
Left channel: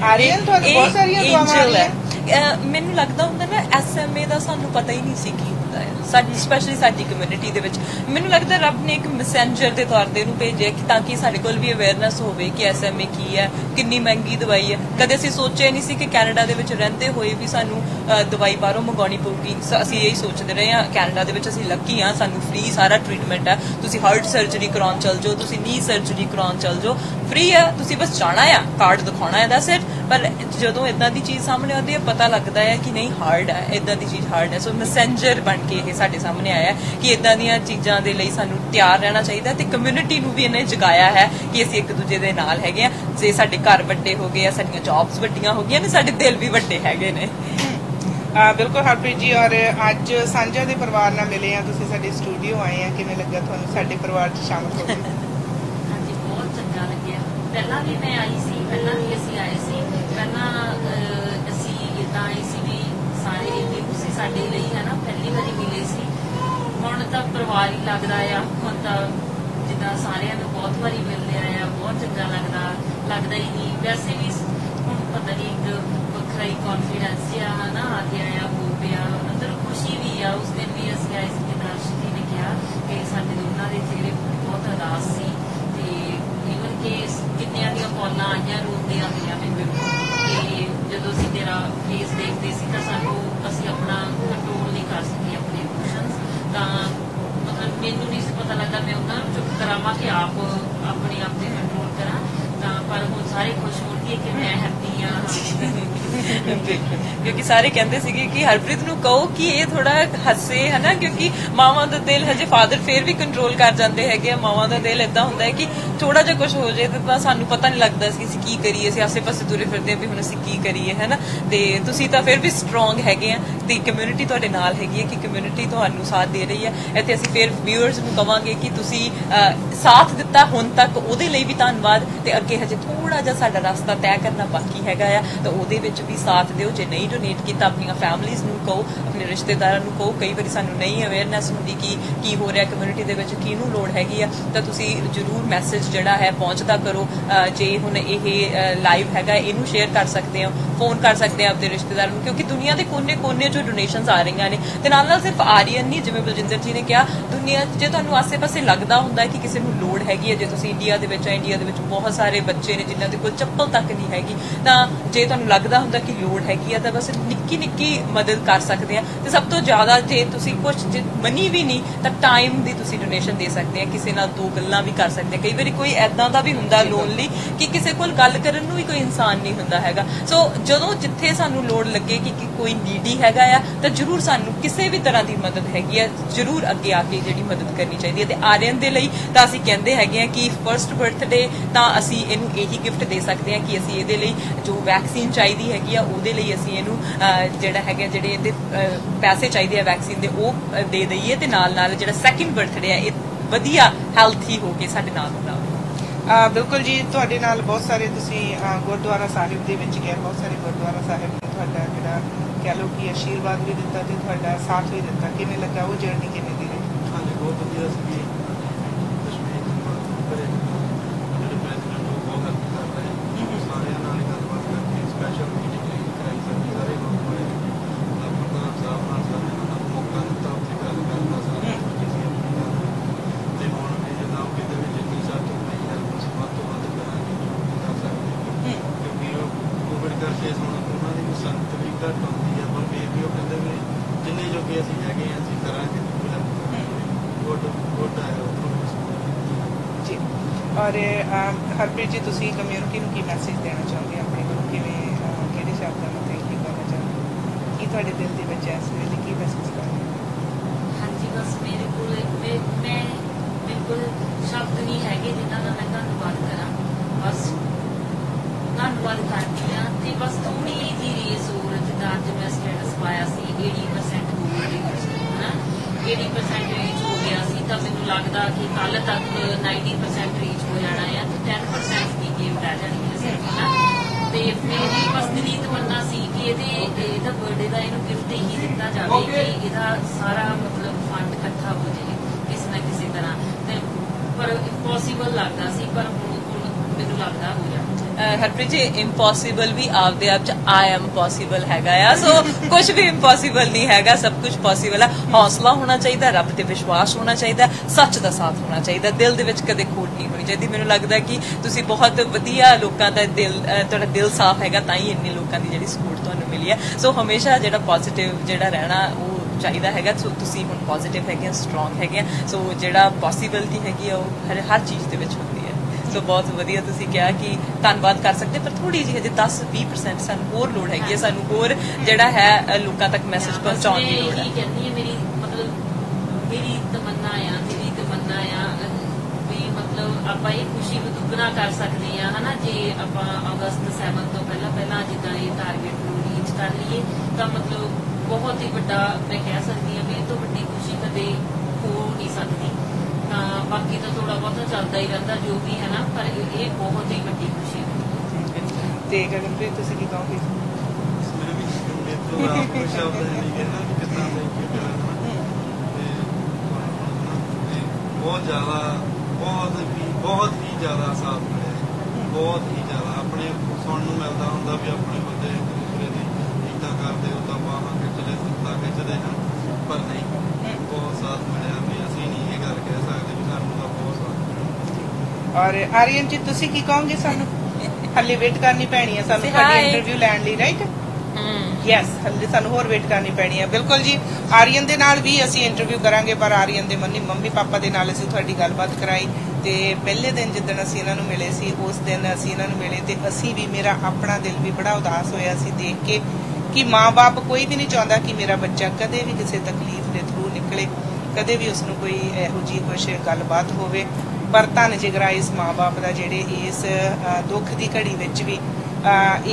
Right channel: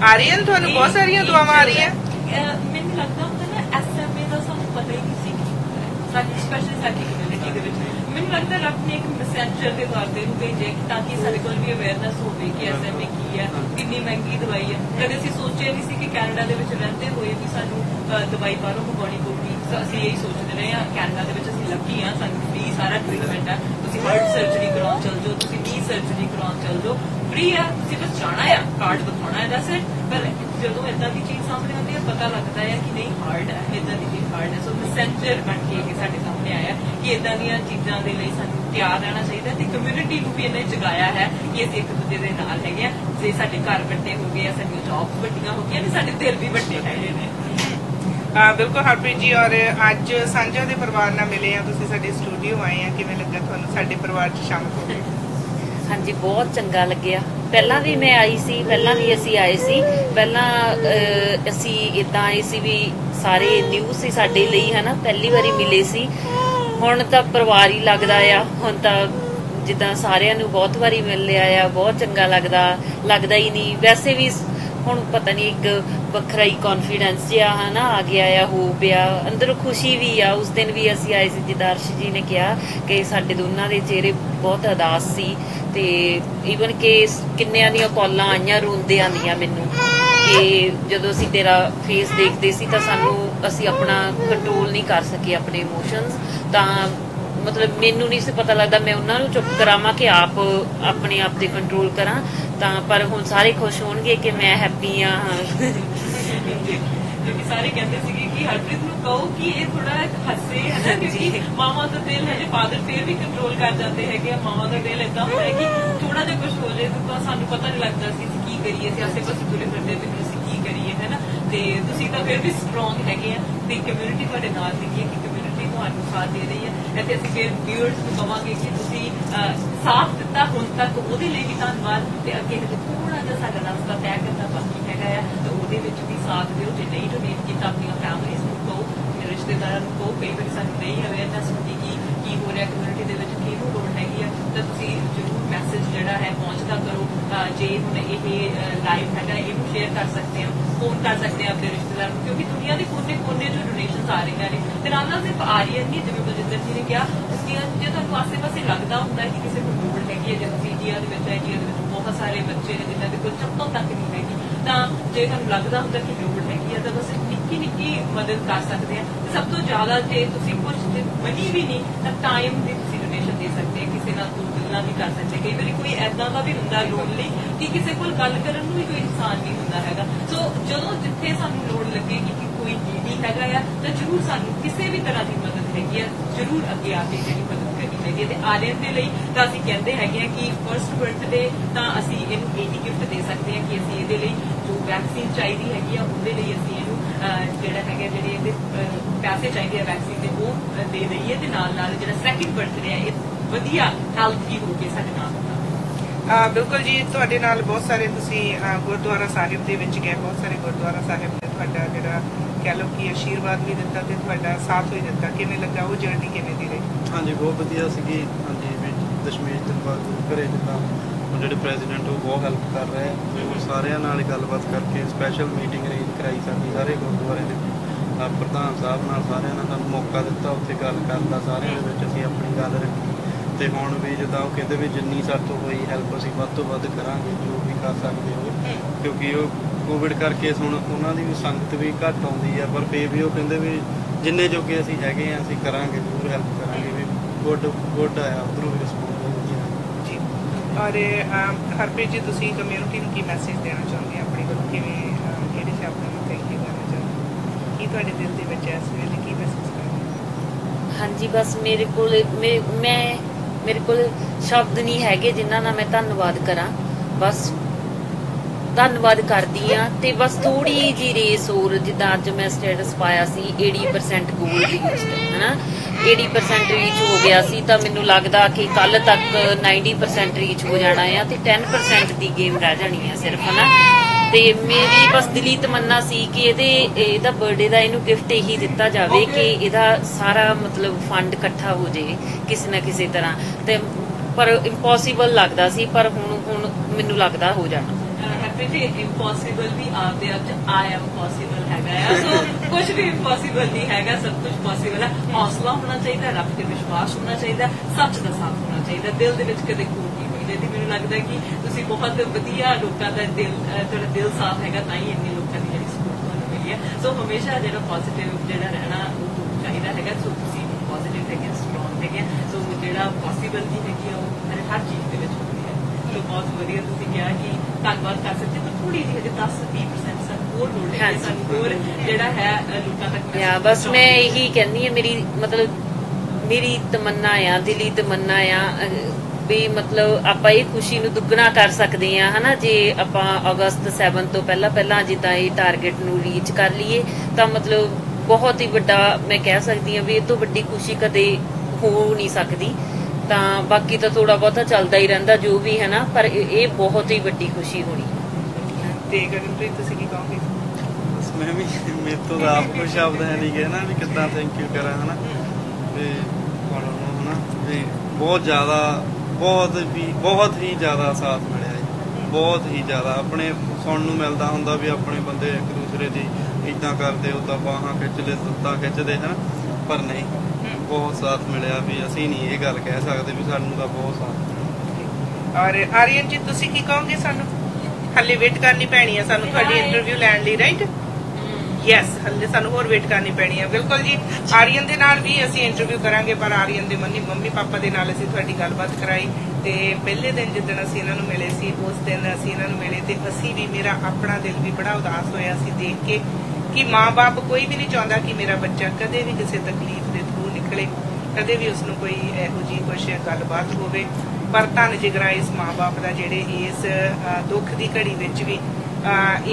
ਆਰੀਅਨ, ਤੁਹਾਨੂੰ ਬਹੁਤ ਸਾਰੀਆਂ ਦੁਆਵਾਂ ਆ ਰਹੀਆਂ। ਮੈਨੂੰ ਲੱਗਦਾ ਹੁੰਦਾ ਨਾ SMA ਦਾ ਸਾਨੂੰ ਪਤਾ ਹੀ ਨਹੀਂ ਸੀ ਕੀ ਹੁੰਦਾ ਹੈ, ਸਪੈਸ਼ਲੀ ਸਾਡੀ ਕਮਿਊਨਿਟੀ ਦੇ ਵਿੱਚ। ਮੈਨੂੰ ਲੱਗਦਾ ਰੱਬ ਨੇ ਇੱਕ ਮੈਸੇਂਜਰ ਦੇ ਤੌਰ ਤੇ ਇਹਨੂੰ ਭੇਜਿਆ ਕਿ ਤਾਂ ਕਿ ਸਾਡੇ ਕੋਲ ਵੀ ਅਵੇਅਰਨੈਸ ਹੋਵੇ ਕਿ SMA ਕੀ ਹੈ, ਕਿੰਨੀ ਮਹਿੰਗੀ ਦਵਾਈ ਹੈ। ਕਦੇ ਅਸੀਂ ਸੋਚਿਆ ਨਹੀਂ ਸੀ ਕਿ ਕੈਨੇਡਾ ਦੇ ਵਿੱਚ ਰਹਿੰਦੇ ਹੋਏ ਵੀ ਸਾਨੂੰ ਦਵਾਈ ਬਾਹਰੋਂ ਮੰਗਾਉਣੀ ਪਊਗੀ। ਅਸੀਂ ਇਹੀ ਸੋਚਦੇ ਰਹੇ ਹਾਂ ਕੈਨੇਡਾ ਦੇ ਵਿੱਚ ਅਸੀਂ ਲੱਕੀ ਹਾਂ, ਸਾਨੂੰ ਫ੍ਰੀ ਸਾਰਾ ਟ੍ਰੀਟਮੈਂਟ ਹੈ। ਤੁਸੀਂ ਹਾਰਟ ਸਰਜਰੀ ਕਰਾਉਣ ਚੱਲ ਜਾਓ, ਤੁਸੀਂ ਨੀ ਸਰਜਰੀ ਕਰਾਉਣ ਚੱਲ ਜਾਓ, ਫ੍ਰੀ ਹੈ। ਤੁਸੀਂ ਬਸ ਜਾਣਾ ਆ, ਕਾਰਡ ਦਿਖਾਉਣਾ ਹੈ, ਦੈਟਸ ਇਟ। ਪਰ ਜਦੋਂ ਇਦਾਂ ਦੀ ਚੀਜ਼ ਸਾਹਮਣੇ ਆਉਂਦੀ ਹੈ ਪਤਾ ਲੱਗਦਾ ਹੈ ਕਿ ਨਹੀਂ, ਹਾਰਡ ਹੈ, ਇਦਾਂ ਦੀ ਚੀਜ਼ ਹਾਰਡ ਹੈ। ਸੋ ਮੈਸੇਂਜਰ ਬਣ ਕੇ ਇਹ ਸਾਡੇ ਸਾਹਮਣੇ ਆਇਆ ਕਿ ਇਦਾਂ ਦੀਆਂ ਚੀਜ਼ਾਂ ਦੇ ਲਈ ਸਾਨੂੰ ਤਿਆਰ ਰਹਿਣਾ ਚਾਹੀਦਾ ਤੇ ਕਮਿਊਨਿਟੀ ਨੂੰ ਵੀ ਇਹਨੇ ਜਗਾਇਆ ਹੈ ਕਿ ਅਸੀਂ ਇੱਕ ਦੂਜੇ ਦੇ ਨਾਲ ਹੈਗੇ ਆ। ਜੇ ਸਾਡੇ ਘਰ ਵੱਡੇ ਹੋ ਗਏ ਆ, ਸਾਡੀਆਂ ਜੌਬਸ ਵੱਡੀਆਂ ਹੋ ਗਈਆਂ ਨੇ, ਸਾਡੇ ਦਿਲ ਵੀ ਵੱਡੇ ਹੈਗੇ ਨੇ। ਬਿਲਕੁਲ ਹਰਪ੍ਰੀਤ ਜੀ, ਔਰ ਅੱਜ ਸਾਂਝਾ ਦੇ ਪਰਿਵਾਰ ਨਾਲ ਮਿਲੇ ਆ, ਤੁਸੀਂ ਸਾਡੇ ਸਟੂਡੀਓ ਆਏ ਆ, ਕਿਵੇਂ ਲੱਗਾ ਤੁਹਾਨੂੰ ਸਾਡੇ ਪਰਿਵਾਰ 'ਚ ਸ਼ਾਮਲ ਹੋ? ਹਾਂਜੀ, ਬਹੁਤ ਚੰਗਾ ਲੱਗਿਆ। ਪਹਿਲਾਂ ਵੀ ਮੈਂ ਆਈ ਸੀ, ਪਹਿਲਾਂ ਵੀ ਅਸੀਂ ਆਏ ਸੀ। ਪਹਿਲਾਂ ਅਸੀਂ ਇਦਾਂ ਆਏ ਸੀ ਵੀ ਸਾਰੇ ਨਿਊ ਸੀ ਸਾਡੇ ਲਈ, ਹਨਾ, ਪਹਿਲੀ ਵਾਰੀ ਮਿਲੇ ਸੀ। ਹੁਣ ਤਾਂ ਪਰਿਵਾਰ ਹੀ ਲੱਗਦਾ ਆ, ਹੁਣ ਤਾਂ ਜਿੱਦਾਂ ਸਾਰਿਆਂ ਨੂੰ ਬਹੁਤ ਵਾਰੀ ਮਿਲ ਲਿਆ ਆ, ਬਹੁਤ ਚੰਗਾ ਲੱਗਦਾ ਹੀ ਨਹੀਂ। ਵੈਸੇ ਵੀ ਹੁਣ ਪਤਾ ਨਹੀਂ ਇੱਕ ਵੱਖਰਾ ਹੀ ਕੌਨਫੀਡੈਂਸ ਜਿਹਾ ਹਨਾ ਆ ਗਿਆ ਆ, ਹੋ ਪਿਆ ਅੰਦਰ, ਖੁਸ਼ੀ ਵੀ ਆ। ਉਸ ਦਿਨ ਵੀ ਅਸੀਂ ਆਏ ਸੀ, ਜਿੱਦਾਂ ਅਰਸ਼ ਜੀ ਨੇ ਕਿਹਾ ਕਿ ਸਾਡੇ ਦੋਨਾਂ ਦੇ ਚਿਹਰੇ ਬਹੁਤ ਉਦਾਸ ਸੀ ਤੇ ਈਵਨ ਕਿ ਕਿੰਨਿਆਂ ਦੀਆਂ ਕਾਲਾਂ ਆਈਆਂ ਰੋਂਦਿਆਂ ਦੀਆਂ ਮੈਨੂੰ, ਕਿ ਜਦੋਂ ਅਸੀਂ ਤੇਰਾ ਫੇਸ ਦੇਖਦੇ ਸੀ ਤਾਂ ਅਸੀਂ ਆਪਣਾ ਕੰਟਰੋਲ ਨਹੀਂ ਕਰ ਸਕੇ ਆਪਣੇ ਇਮੋਸ਼ਨਸ। ਤਾਂ ਮਤਲਬ ਮੈਨੂੰ ਨਹੀਂ ਸੀ ਪਤਾ ਲੱਗਦਾ ਮੈਂ ਉਹਨਾਂ ਨੂੰ ਚੁੱਪ ਕਰਾਵਾਂ ਕਿ ਆਪਣੇ ਆਪ ਤੇ ਕੰਟਰੋਲ ਕਰਾਂ। ਤਾਂ ਪਰ ਹੁਣ ਸਾਰੇ ਖੁਸ਼ ਹੋਣਗੇ ਕਿ ਮੈਂ ਹੈਪੀ ਹਾਂ। ਕਿਉਂਕਿ ਸਾਰੇ ਕਹਿੰਦੇ ਸੀਗੇ ਕਿ ਹਰਪ੍ਰੀਤ ਨੂੰ ਕਹੋ ਕਿ ਇਹ ਥੋੜਾ ਹੱਸੇ, ਹਨਾ, ਕਿਉਂਕਿ ਮਾਵਾਂ ਦਾ ਦਿਲ, ਹਜੇ ਫਾਦਰ ਫੇਰ ਵੀ ਕੰਟਰੋਲ ਕਰ ਜਾਂਦੇ ਹੈਗੇ ਆ। ਮਾਵਾਂ ਦਾ ਦਿਲ ਏਦਾਂ ਹੁੰਦਾ ਹੈ ਕਿ ਥੋੜਾ ਜਿਹਾ ਕੁਝ ਹੋ ਜਾਏ ਤਾਂ ਸਾਨੂੰ ਪਤਾ ਨਹੀਂ ਲੱਗਦਾ ਸੀ ਅਸੀਂ ਕੀ ਕਰੀਏ, ਅਸੀਂ ਆਸੇ ਪਾਸੇ ਤੁਰੇ ਫਿਰਦੇ ਵੀ ਹੁਣ ਅਸੀਂ ਕੀ ਕਰੀਏ, ਹਨਾ। ਤੇ ਤੁਸੀਂ ਤਾਂ ਫਿਰ ਵੀ ਸਟਰੋਂਗ ਹੈਗੇ ਆ ਤੇ ਕਮਿਊਨਿਟੀ ਤੁਹਾਡੇ ਨਾਲ ਹੈਗੀ ਹੈ ਕਿ ਕਮਿਊਨਿਟੀ ਤੁਹਾਨੂੰ ਸਾਥ ਦੇ ਰਹੀ ਹੈ। ਇੱਥੇ ਅਸੀਂ ਫਿਰ ਵਿਊਅਰਸ ਨੂੰ ਕਵਾਂਗੇ ਕਿ ਤੁਸੀਂ ਸਾਥ ਦਿੱਤਾ ਹੁਣ ਤੱਕ, ਉਹਦੇ ਲਈ ਵੀ ਧੰਨਵਾਦ। ਤੇ ਅੱਗੇ ਹਜੇ ਥੋੜਾ ਜਿਹਾ ਸਾਡਾ ਰਸਤਾ ਤੈਅ ਕਰਨਾ ਬਾਕੀ ਹੈਗਾ ਆ, ਤਾਂ ਉਹਦੇ ਵਿੱਚ ਵੀ ਸਾਥ ਦਿਓ। ਜੇ ਨਹੀਂ ਡੋਨੇਟ ਕੀਤਾ, ਆਪਣੀਆਂ ਫੈਮਲੀਜ਼ ਨੂੰ ਕਹੋ, ਆਪਣੇ ਰਿਸ਼ਤੇਦਾਰਾਂ ਨੂੰ ਕਹੋ। ਕਈ ਵਾਰੀ ਸਾਨੂੰ ਨਹੀਂ ਅਵੇਅਰਨੈਸ ਹੁੰਦੀ ਕਿ ਕੀ ਹੋ ਰਿਹਾ ਕਮਿਊਨਿਟੀ ਦੇ ਵਿੱਚ, ਕਿਹਨੂੰ ਲੋੜ ਹੈਗੀ ਆ, ਤਾਂ ਤੁਸੀਂ ਜ਼ਰੂਰ ਮੈਸੇਜ ਜਿਹੜਾ ਹੈ ਪਹੁੰਚਦਾ ਕਰੋ। ਜੇ ਹੁਣ ਇਹ ਲਾਈਵ ਹੈਗਾ, ਇਹਨੂੰ ਸ਼ੇਅਰ ਕਰ ਸਕਦੇ ਹੋ, ਫੋਨ ਕਰ ਸਕਦੇ ਹੋ ਆਪਣੇ ਰਿਸ਼ਤੇਦਾਰ ਨੂੰ, ਕਿਉਂਕਿ ਦੁਨੀਆ ਦੇ ਕੋਨੇ-ਕੋਨੇ 'ਚੋਂ ਡੋਨੇਸ਼ਨਸ ਆ ਰਹੀਆਂ ਨੇ। ਤੇ ਨਾਲ ਸਿਰਫ ਆਰੀਅਨ ਨਹੀਂ, ਜਿਵੇਂ ਬਲਜਿੰਦਰ ਜੀ ਨੇ ਕਿਹਾ, ਦੁਨੀਆ ਜੇ ਤੁਹਾਨੂੰ ਆਸੇ-ਪਾਸੇ ਲੱਗਦਾ ਹੁੰਦਾ ਕਿ ਕਿਸੇ ਨੂੰ ਲੋੜ ਹੈਗੀ ਹੈ, ਜੇ ਤੁਸੀਂ ਇੰਡੀਆ ਦੇ ਵਿੱਚ, ਇੰਡੀਆ ਦੇ ਵਿੱਚ ਬਹੁਤ ਸਾਰੇ ਬੱਚੇ ਨੇ ਜਿਨ੍ਹਾਂ ਦੇ ਕੋਲ ਚੱਪਲ ਤੱਕ ਨਹੀਂ ਹੈਗੀ, ਤਾਂ ਜੇ ਤੁਹਾਨੂੰ ਲੱਗਦਾ ਹੁੰਦਾ ਕਿ ਲੋੜ ਹੈਗੀ ਹੈ ਤਾਂ ਬਸ ਨਿੱਕੀ ਮਦਦ ਕਰ ਸਕਦੇ ਆ। ਤੇ ਸਭ ਤੋਂ ਜ਼ਿਆਦਾ ਜੇ ਤੁਸੀਂ ਕੁਝ ਮਨੀ ਵੀ ਨਹੀਂ ਤਾਂ ਟਾਈਮ ਦੀ ਤੁਸੀਂ ਡੋਨੇਸ਼ਨ ਦੇ ਸਕਦੇ ਆ, ਕਿਸੇ ਨਾਲ 2 ਗੱਲਾਂ ਵੀ ਕਰ ਸਕਦੇ ਆ। ਕਈ ਵਾਰੀ ਕੋਈ ਐਦਾਂ ਦਾ ਵੀ ਹੁੰਦਾ ਲੋਨਲੀ ਕਿ ਕਿਸੇ ਕੋਲ ਗੱਲ ਕਰਨ ਨੂੰ ਵੀ ਕੋਈ ਇਨਸਾਨ ਨਹੀਂ ਹੁੰਦਾ ਹੈਗਾ। ਸੋ ਜਦੋਂ ਜਿੱਥੇ ਸਾਨੂੰ ਲੋੜ ਲੱਗੇਗੀ ਕਿ ਕੋਈ ਨੀਡੀ ਹੈਗਾ ਆ, ਤਾਂ ਜ਼ਰੂਰ ਸਾਨੂੰ ਕਿਸੇ ਵੀ ਤਰ੍ਹਾਂ ਦੀ ਮਦਦ ਹੈਗੀ ਆ, ਜ਼ਰੂਰ ਅੱਗੇ ਆ ਕੇ ਜਿਹੜੀ ਮਦਦ ਕਰਨੀ ਚਾਹੀਦੀ ਹੈ। ਤੇ ਆਰੀਅਨ ਦੇ ਲਈ ਤਾਂ ਅਸੀਂ ਕਹਿੰਦੇ ਹੈਗੇ ਆ ਕਿ ਫਰਸਟ ਬਰਥਡੇ ਤਾਂ ਅਸੀਂ ਇਹਨੂੰ ਇਹੀ ਗਿਫਟ ਦੇ ਸਕਦੇ ਹਾਂ ਕਿ ਅਸੀਂ ਇਹਦੇ ਲਈ ਜੋ ਵੈਕਸੀਨ ਚਾਹੀਦੀ ਹੈਗੀ ਆ, ਉਹਦੇ ਲਈ ਅਸੀਂ ਇਹਨੂੰ ਜਿਹੜਾ ਹੈਗਾ, ਜਿਹੜੇ ਇਹਦੇ ਪੈਸੇ ਚਾਹੀਦੇ ਆ ਵੈਕਸੀਨ ਦੇ, ਉਹ ਦੇ ਦਈਏ। ਤੇ ਨਾਲ ਜਿਹੜਾ ਸੈਕਿੰਡ ਬਰਥਡੇ ਹੈ, ਇਹ ਵਧੀਆ ਹੈਲਥੀ ਹੋ ਕੇ ਸਾਡੇ ਨਾਲ ਹੋਗਾ। ਬਿਲਕੁਲ ਜੀ, ਤੁਹਾਡੇ ਨਾਲ ਬਹੁਤ ਸਾਰੇ ਤੁਸੀਂ ਗੁਰਦੁਆਰਾ ਸਾਹਿਬ ਦੇ ਵਿੱਚ ਗਏ, ਬਹੁਤ ਸਾਰੇ ਗੁਰਦੁਆਰਾ ਸਾਹਿਬ ਨੇ ਤੁਹਾਡਾ ਜਿਹੜਾ ਕਹਿ ਲਓ ਕਿ ਆਸ਼ੀਰਵਾਦ ਵੀ ਦਿੱਤਾ ਤੇ ਤੁਹਾਡਾ ਸਾਥ ਵੀ ਦਿੱਤਾ। ਕਿਵੇਂ ਲੱਗਾ ਉਹ ਜਰਨੀ, ਕਿਵੇਂ ਦੀ ਰਹੀ? ਹਾਂਜੀ, ਬਹੁਤ ਵਧੀਆ ਸੀਗੀ। ਦਸ਼ਮੇਸ਼ ਤੋਂ ਬਾਅਦ ਘਰੇ ਜਿਹੜੇ ਪ੍ਰੈਜ਼ੀਡੈਂਟ ਉਹ ਬਹੁਤ ਹੈਲਪ ਕਰ ਰਹੇ, ਸਾਰਿਆਂ ਨਾਲ ਗੱਲਬਾਤ ਕਰਕੇ ਸਪੈਸ਼ਲ ਮੀਟਿੰਗ ਕਰਾਈ ਸਾਡੀ ਸਾਰੇ ਗੁਰਦੁਆਰੇ ਪ੍ਰਧਾਨ ਸਾਹਿਬ ਨਾਲ, ਸਾਰਿਆਂ ਨਾਲ ਮੌਕਾ ਦਿੱਤਾ ਉੱਥੇ ਗੱਲ ਕਰਨ ਦਾ, ਸਾਰਿਆਂ ਵਿੱਚ ਅਸੀਂ ਆਪਣੀ ਗੱਲ। ਤੇ ਹੁਣ ਵੀ ਜਿੱਦਾਂ ਉਹ ਕਿਤੇ ਵੀ ਜਿੰਨੀ ਸਾਡੇ ਕੇਸ ਹੁਣ ਉਹਨਾਂ ਦੀ ਸੰਗਤ ਵੀ ਘੱਟ ਆਉਂਦੀ ਆ, ਪਰ ਫਿਰ ਵੀ ਉਹ ਕਹਿੰਦੇ ਵੀ ਜਿੰਨੇ ਜੋਗੇ ਅਸੀਂ ਹੈਗੇ ਆ ਅਸੀਂ ਕਰਾਂਗੇ ਪੂਰਾ ਗੁੱਡ ਆਇਆ ਜੀ। ਔਰ ਹਰਪ੍ਰੀਤ ਜੀ ਤੁਸੀਂ ਕਮਿਊਨਿਟੀ ਨੂੰ ਕੀ ਮੈਸੇਜ ਦੇਣਾ ਚਾਹੁੰਦੇ ਹੋ ਆਪਣੀ ਕਿਵੇਂ ਤੁਹਾਡੇ ਸ਼ਬਦ ਤੇ ਕੀ ਕਹਿਣਾ ਚਾਹੁੰਦੇ ਕੀ ਤੁਹਾਡੇ ਦਿਲ ਦੇ ਵਿੱਚ ਇਸ ਵੇਲੇ ਕੀ ਮਹਿਸੂਸ ਹਾਂਜੀ ਬਸ ਮੇਰੇ ਕੋਲ ਸ਼ਬਦ ਨਹੀਂ ਹੈਗੇ ਜਿਨ੍ਹਾਂ ਨਾਲ ਮੈਂ ਧੰਨਵਾਦ ਕਰਾਂ। ਬਸ ਧੰਨਵਾਦ ਕਰਦੀ ਆ ਤੇ ਬਸ ਥੋੜੀ ਜੀ ਰੇਸ ਹੋਰ ਜਿੱਦਾਂ ਅੱਜ ਮੈਂ ਸਟੇਟਸ ਪਾਇਆ ਸੀ 80% ਗੋਲ ਹਨਾ 80% ਰੀਚ ਹੋ ਗਿਆ ਸੀ ਤਾਂ ਮੈਨੂੰ ਲੱਗਦਾ ਕਿ ਕੱਲ ਤੱਕ 90% ਰੀਚ ਹੋ ਜਾਣਾ ਆ ਤੇ 10% ਦੀ ਗੇਮ ਰਹਿ ਜਾਣੀ ਆ ਸਿਰਫ ਹਨਾ। ਤੇ ਮੇਰੀ ਬਸ ਦਿਲੀ ਤਮੰਨਾ ਸੀ ਕਿ ਇਹਦਾ ਬਰਥਡੇ ਦਾ ਇਹਨੂੰ ਗਿਫਟ ਇਹੀ ਦਿੱਤਾ ਜਾਵੇ ਕਿ ਇਹਦਾ ਸਾਰਾ ਮਤਲਬ ਫੰਡ ਇਕੱਠਾ ਹੋ ਜਾਏ ਕਿਸੇ ਨਾ ਕਿਸੇ ਤਰ੍ਹਾਂ ਤੇ ਪਰ ਇੰਪੋਸੀਬਲ ਲੱਗਦਾ ਸੀ ਪਰ ਹੁਣ ਮੈਨੂੰ ਲੱਗਦਾ ਹੋ ਜਾਣਾ। ਹਰਪ੍ਰੀਤ ਜੀ ਇੰਪੋਸੀਬਲ ਵੀ ਆਪਦੇ ਆਪ ਚ ਆਈ ਐਮ ਪੋਸੀਬਲ ਹੈਗਾ ਆ ਸੋ ਕੁਝ ਵੀ ਇੰਪੋਸੀਬਲ ਨਹੀਂ ਹੈਗਾ ਸਭ ਕੁਝ ਪੋਸੀਬਲ ਹੈ। ਹੌਸਲਾ ਹੋਣਾ ਚਾਹੀਦਾ ਰੱਬ ਤੇ ਵਿਸ਼ਵਾਸ ਹੋਣਾ ਚਾਹੀਦਾ ਸੱਚ ਦਾ ਸਾਥ ਹੋਣਾ ਚਾਹੀਦਾ ਦਿਲ ਦੇ ਵਿੱਚ ਕਦੇ ਖੋਟ ਨਹੀਂ ਹੋਈ ਜਾਂਦੀ। ਮੈਨੂੰ ਲੱਗਦਾ ਕਿ ਤੁਸੀਂ ਬਹੁਤ ਵਧੀਆ ਲੋਕਾਂ ਦਾ ਤੁਹਾਡਾ ਦਿਲ ਸਾਫ਼ ਹੈਗਾ ਤਾਂ ਹੀ ਇੰਨੇ ਲੋਕਾਂ ਦੀ ਜਿਹੜੀ ਸਪੋਰਟ ਤੁਹਾਨੂੰ ਮਿਲੀ ਹੈ। ਸੋ ਹਮੇਸ਼ਾ ਜਿਹੜਾ ਪੋਜ਼ਿਟਿਵ ਜਿਹੜਾ ਰਹਿਣਾ ਚਾਹੀਦਾ ਹੈਗਾ। ਸੋ ਤੁਸੀਂ ਪੋਜ਼ਿਟਿਵ ਹੈਗੇ ਸਟਰੋਂਗ ਹੈਗੇ ਸੋ ਜਿਹੜਾ ਪੋਸੀਬਿਲਿਟੀ ਹੈਗੀ ਉਹ ਹਰ ਚੀਜ਼ ਦੇ ਵਿੱਚ ਹੁੰਦੀ ਹੈ। ਸੋ ਬਹੁਤ ਵਧੀਆ ਤੁਸੀਂ ਕਿਹਾ ਕਿ ਧੰਨਵਾਦ ਕਰ ਸਕਦੇ ਪਰ ਥੋੜੀ ਜਿਹੀ ਹਜੇ 10-20% ਸਾਨੂੰ ਹੋਰ ਲੋੜ ਹੈਗੀ ਹੈ ਸਾਨੂੰ ਹੋਰ ਜਿਹੜਾ ਹੈ ਲੋਕਾਂ ਤੱਕ ਮੈਸੇਜ ਬਸ ਮੈਂ ਇਹੀ ਕਹਿੰਦੀ ਹਾਂ ਮੇਰੀ ਤਮੰਨਾ ਆ ਦਿਲੀ ਤਮੰਨਾ ਆ ਵੀ ਮਤਲਬ ਆਪਾਂ ਇਹ ਖੁਸ਼ੀ ਨੂੰ ਦੁੱਗਣਾ ਕਰ ਸਕਦੇ ਆ ਹਨਾ ਜੇ ਆਪਾਂ ਅਗਸਤ 7 ਤੋਂ ਪਹਿਲਾਂ ਜਿੱਦਾਂ ਇਹ ਟਾਰਗੇਟ ਨੂੰ ਰੀਚ ਕਰ ਲਈਏ ਤਾਂ ਮਤਲਬ ਬਹੁਤ ਹੀ ਵੱਡਾ ਮੈਂ ਕਹਿ ਸਕਦੀ ਹਾਂ ਵੀ ਇਹ ਤੋਂ ਵੱਡੀ ਖੁਸ਼ੀ ਕਦੇ ਹੋ ਨਹੀਂ ਸਕਦੀ। ਤਾਂ ਬਾਕੀ ਤਾਂ ਥੋੜਾ ਬਹੁਤਾ ਚੱਲਦਾ ਹੀ ਰਹਿੰਦਾ ਜੋ ਵੀ ਹੈ ਨਾ ਪਰ ਇਹ ਬਹੁਤ ਹੀ ਵੱਡੀ ਖੁਸ਼ੀ ਹੋਈ। ਤੇ ਗਗਨਪ੍ਰੀਤ ਤੁਸੀਂ ਕੀ ਕਹੋਗੇ? ਮੈਂ ਵੀ ਮੇਰੇ ਤੋਂ ਆਪ ਕੋਈ ਸ਼ਬਦ ਨਹੀਂ ਕਹਿਣਾ ਵੀ ਕਿੱਦਾਂ ਥੈਂਕ ਯੂ ਕਰਾਂ ਹਨਾ ਤੇ ਬਹੁਤ ਜ਼ਿਆਦਾ ਬਹੁਤ ਹੀ ਜ਼ਿਆਦਾ ਸਾਥ ਮਿਲਿਆ ਬਹੁਤ ਹੀ ਜ਼ਿਆਦਾ ਆਪਣੇ ਸੁਣਨ ਨੂੰ ਮਿਲਦਾ ਹੁੰਦਾ ਵੀ ਆਪਣੇ ਬੰਦੇ ਇੱਕ ਦੂਸਰੇ ਦੀ ਇੱਦਾਂ ਕਰਦੇ ਉੱਦਾਂ ਬਾਹਾਂ ਖਿੱਚਦੇ ਸੁੱਤਾ ਖਿੱਚਦੇ ਜਾਂ ਪਰ ਨਹੀਂ ਬਹੁਤ ਸਾਥ ਮਿਲਿਆ ਵੀ ਅਸੀਂ ਨਹੀਂ ਇਹ ਗੱਲ ਕਹਿ ਸਕਦੇ ਵੀ ਸਾਨੂੰ ਤਾਂ ਬਹੁਤ ਸਾਥ। ਔਰ ਆਰੀਅਨ ਜੀ ਤੁਸੀਂ ਕੀ ਕਹੋਗੇ? ਸਾਨੂੰ ਹੱਲੇ ਵੇਟ ਕਰਨੀ ਪੈਣੀ ਹੈ ਸਾਨੂੰ ਤੁਹਾਡੀ ਇੰਟਰਵਿਊ ਲੈਣ ਲਈ ਰਾਈਟ? ਯੈਸ ਹੱਲੇ ਸਾਨੂੰ ਹੋਰ ਵੇਟ ਕਰਨੀ ਪੈਣੀ ਹੈ ਬਿਲਕੁਲ ਜੀ। ਆਰੀਅਨ ਦੇ ਨਾਲ ਵੀ ਅਸੀਂ ਇੰਟਰਵਿਊ ਕਰਾਂਗੇ ਪਰ ਆਰੀਅਨ ਦੇ ਮੰਮੀ ਪਾਪਾ ਦੇ ਨਾਲ ਅਸੀਂ ਤੁਹਾਡੀ ਗੱਲਬਾਤ ਕਰਾਈ ਤੇ ਪਹਿਲੇ ਦਿਨ ਜਿੱਦਣ ਅਸੀਂ ਇਹਨਾਂ ਨੂੰ ਮਿਲੇ ਸੀ ਉਸ ਦਿਨ ਅਸੀਂ ਇਹਨਾਂ ਨੂੰ ਮਿਲੇ ਤੇ ਅਸੀਂ ਵੀ ਮੇਰਾ ਆਪਣਾ ਦਿਲ ਵੀ ਬੜਾ ਉਦਾਸ ਹੋਇਆ ਸੀ ਦੇਖ ਕੇ ਕਿ ਮਾਂ-ਬਾਪ ਕੋਈ ਵੀ ਨਹੀਂ ਚਾਹੁੰਦਾ ਕਿ ਮੇਰਾ ਬੱਚਾ ਕਦੇ ਵੀ ਕਿਸੇ ਤਕਲੀਫ ਦੇ ਥਰੂ ਨਿਕਲੇ ਕਦੇ ਵੀ ਉਸਨੂੰ ਕੋਈ ਇਹੋ ਜਿਹੀ ਕੁਛ ਗੱਲਬਾਤ ਹੋਵੇ ਪਰ ਧੰਨ ਜਿਗਰਾ ਇਸ ਮਾਂ-ਬਾਪ ਦਾ ਜਿਹੜੇ ਇਸ ਦੁੱਖ ਦੀ ਘੜੀ ਵਿੱਚ ਵੀ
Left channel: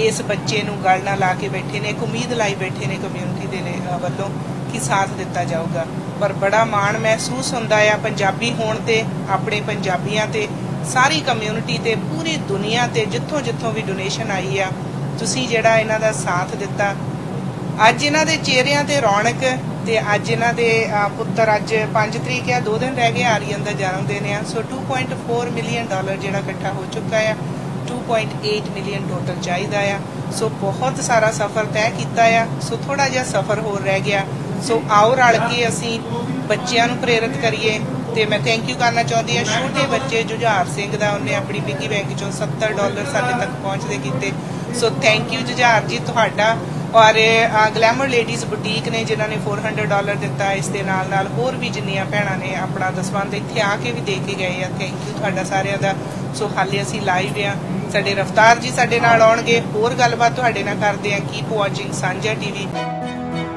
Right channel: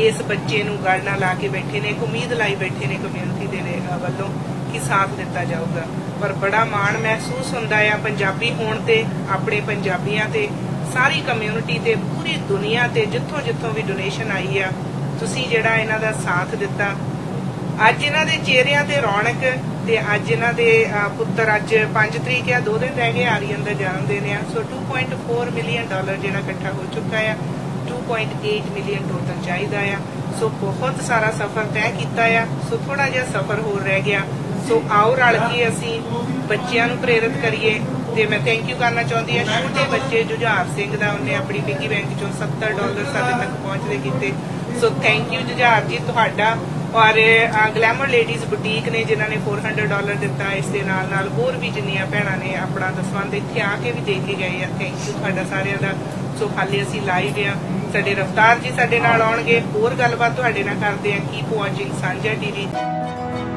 ਇਸ ਬੱਚੇ ਨੂੰ ਗੱਲ ਨਾਲ ਲਾ ਕੇ ਬੈਠੇ ਨੇ ਇੱਕ ਉਮੀਦ ਲਾਈ ਬੈਠੇ ਨੇ ਕਮਿਊਨਿਟੀ ਦੇ ਨੇ ਵੱਲੋਂ ਕਿ ਸਾਥ ਦਿੱਤਾ ਜਾਊਗਾ। ਪਰ ਬੜਾ ਮਾਣ ਮਹਿਸੂਸ ਹੁੰਦਾ ਆ ਪੰਜਾਬੀ ਹੋਣ ਤੇ ਆਪਣੇ ਪੰਜਾਬੀਆਂ ਤੇ ਸਾਰੀ ਕਮਿਊਨਿਟੀ ਤੇ ਪੂਰੀ ਦੁਨੀਆ ਤੇ ਜਿੱਥੋਂ ਵੀ ਡੋਨੇਸ਼ਨ ਆਈ ਆ ਤੁਸੀਂ ਜਿਹੜਾ ਇਹਨਾਂ ਦਾ ਸਾਥ ਦਿੱਤਾ। ਅੱਜ ਇਹਨਾਂ ਦੇ ਚਿਹਰਿਆਂ ਤੇ ਰੌਣਕ ਤੇ ਅੱਜ ਇਹਨਾਂ ਦੇ ਪੁੱਤਰ ਅੱਜ 5 ਤਰੀਕ ਆ 2 ਦਿਨ ਰਹਿ ਗਏ ਆਰੀਅਨ ਦਾ ਜਨਮ ਦਿਨ ਆ ਸੋ $2.4 ਮਿਲੀਅਨ ਜਿਹੜਾ ਇਕੱਠਾ ਹੋ ਚੁੱਕਾ ਆ 2.8 ਮਿਲੀਅਨ ਟੋਟਲ ਚਾਹੀਦਾ ਆ ਸੋ ਬਹੁਤ ਸਾਰਾ ਸਫ਼ਰ ਤੈਅ ਕੀਤਾ ਆ ਸੋ ਥੋੜਾ ਜਿਹਾ ਸਫ਼ਰ ਹੋਰ ਰਹਿ ਗਿਆ ਸੋ ਆਓ ਰਲ ਕੇ ਅਸੀਂ ਬੱਚਿਆਂ ਨੂੰ ਪ੍ਰੇਰਿਤ ਕਰੀਏ ਤੇ ਮੈਂ ਥੈਂਕ ਯੂ ਕਰਨਾ ਚਾਹੁੰਦੀ ਹਾਂ ਛੋਟੇ ਬੱਚੇ ਜੁਝਾਰ ਸਿੰਘ ਦਾ ਉਹਨੇ ਆਪਣੀ ਪਿੱਗੀ ਬੈਂਕ ਚੋਂ $70 ਸਾਡੇ ਤੱਕ ਪਹੁੰਚਦੇ ਕੀਤੇ ਸੋ ਥੈਂਕ ਯੂ ਜੁਝਾਰ ਜੀ ਤੁਹਾਡਾ। ਔਰ ਗਲੈਮਰ ਲੇਡੀਜ਼ ਬੁਟੀਕ ਨੇ ਜਿਨ੍ਹਾਂ ਨੇ $400 ਦਿੱਤਾ ਇਸ ਦੇ ਨਾਲ ਹੋਰ ਵੀ ਜਿੰਨੀਆਂ ਭੈਣਾਂ ਨੇ ਆਪਣਾ ਦਸਵੰਧ ਇੱਥੇ ਆ ਕੇ ਵੀ ਦੇ ਕੇ ਗਏ ਆ ਥੈਂਕ ਯੂ ਤੁਹਾਡਾ ਸਾਰਿਆਂ ਦਾ। ਸੋ ਹਾਲੇ ਅਸੀਂ ਲਾਈਵ ਆ ਸਾਡੇ ਰਫਤਾਰ ਜੀ ਸਾਡੇ ਨਾਲ ਆਉਣਗੇ ਹੋਰ ਗੱਲਬਾਤ ਤੁਹਾਡੇ ਨਾਲ ਕਰਦੇ ਆ ਕੀਪ ਵਾਚਿੰਗ ਸਾਂਝਾ TV।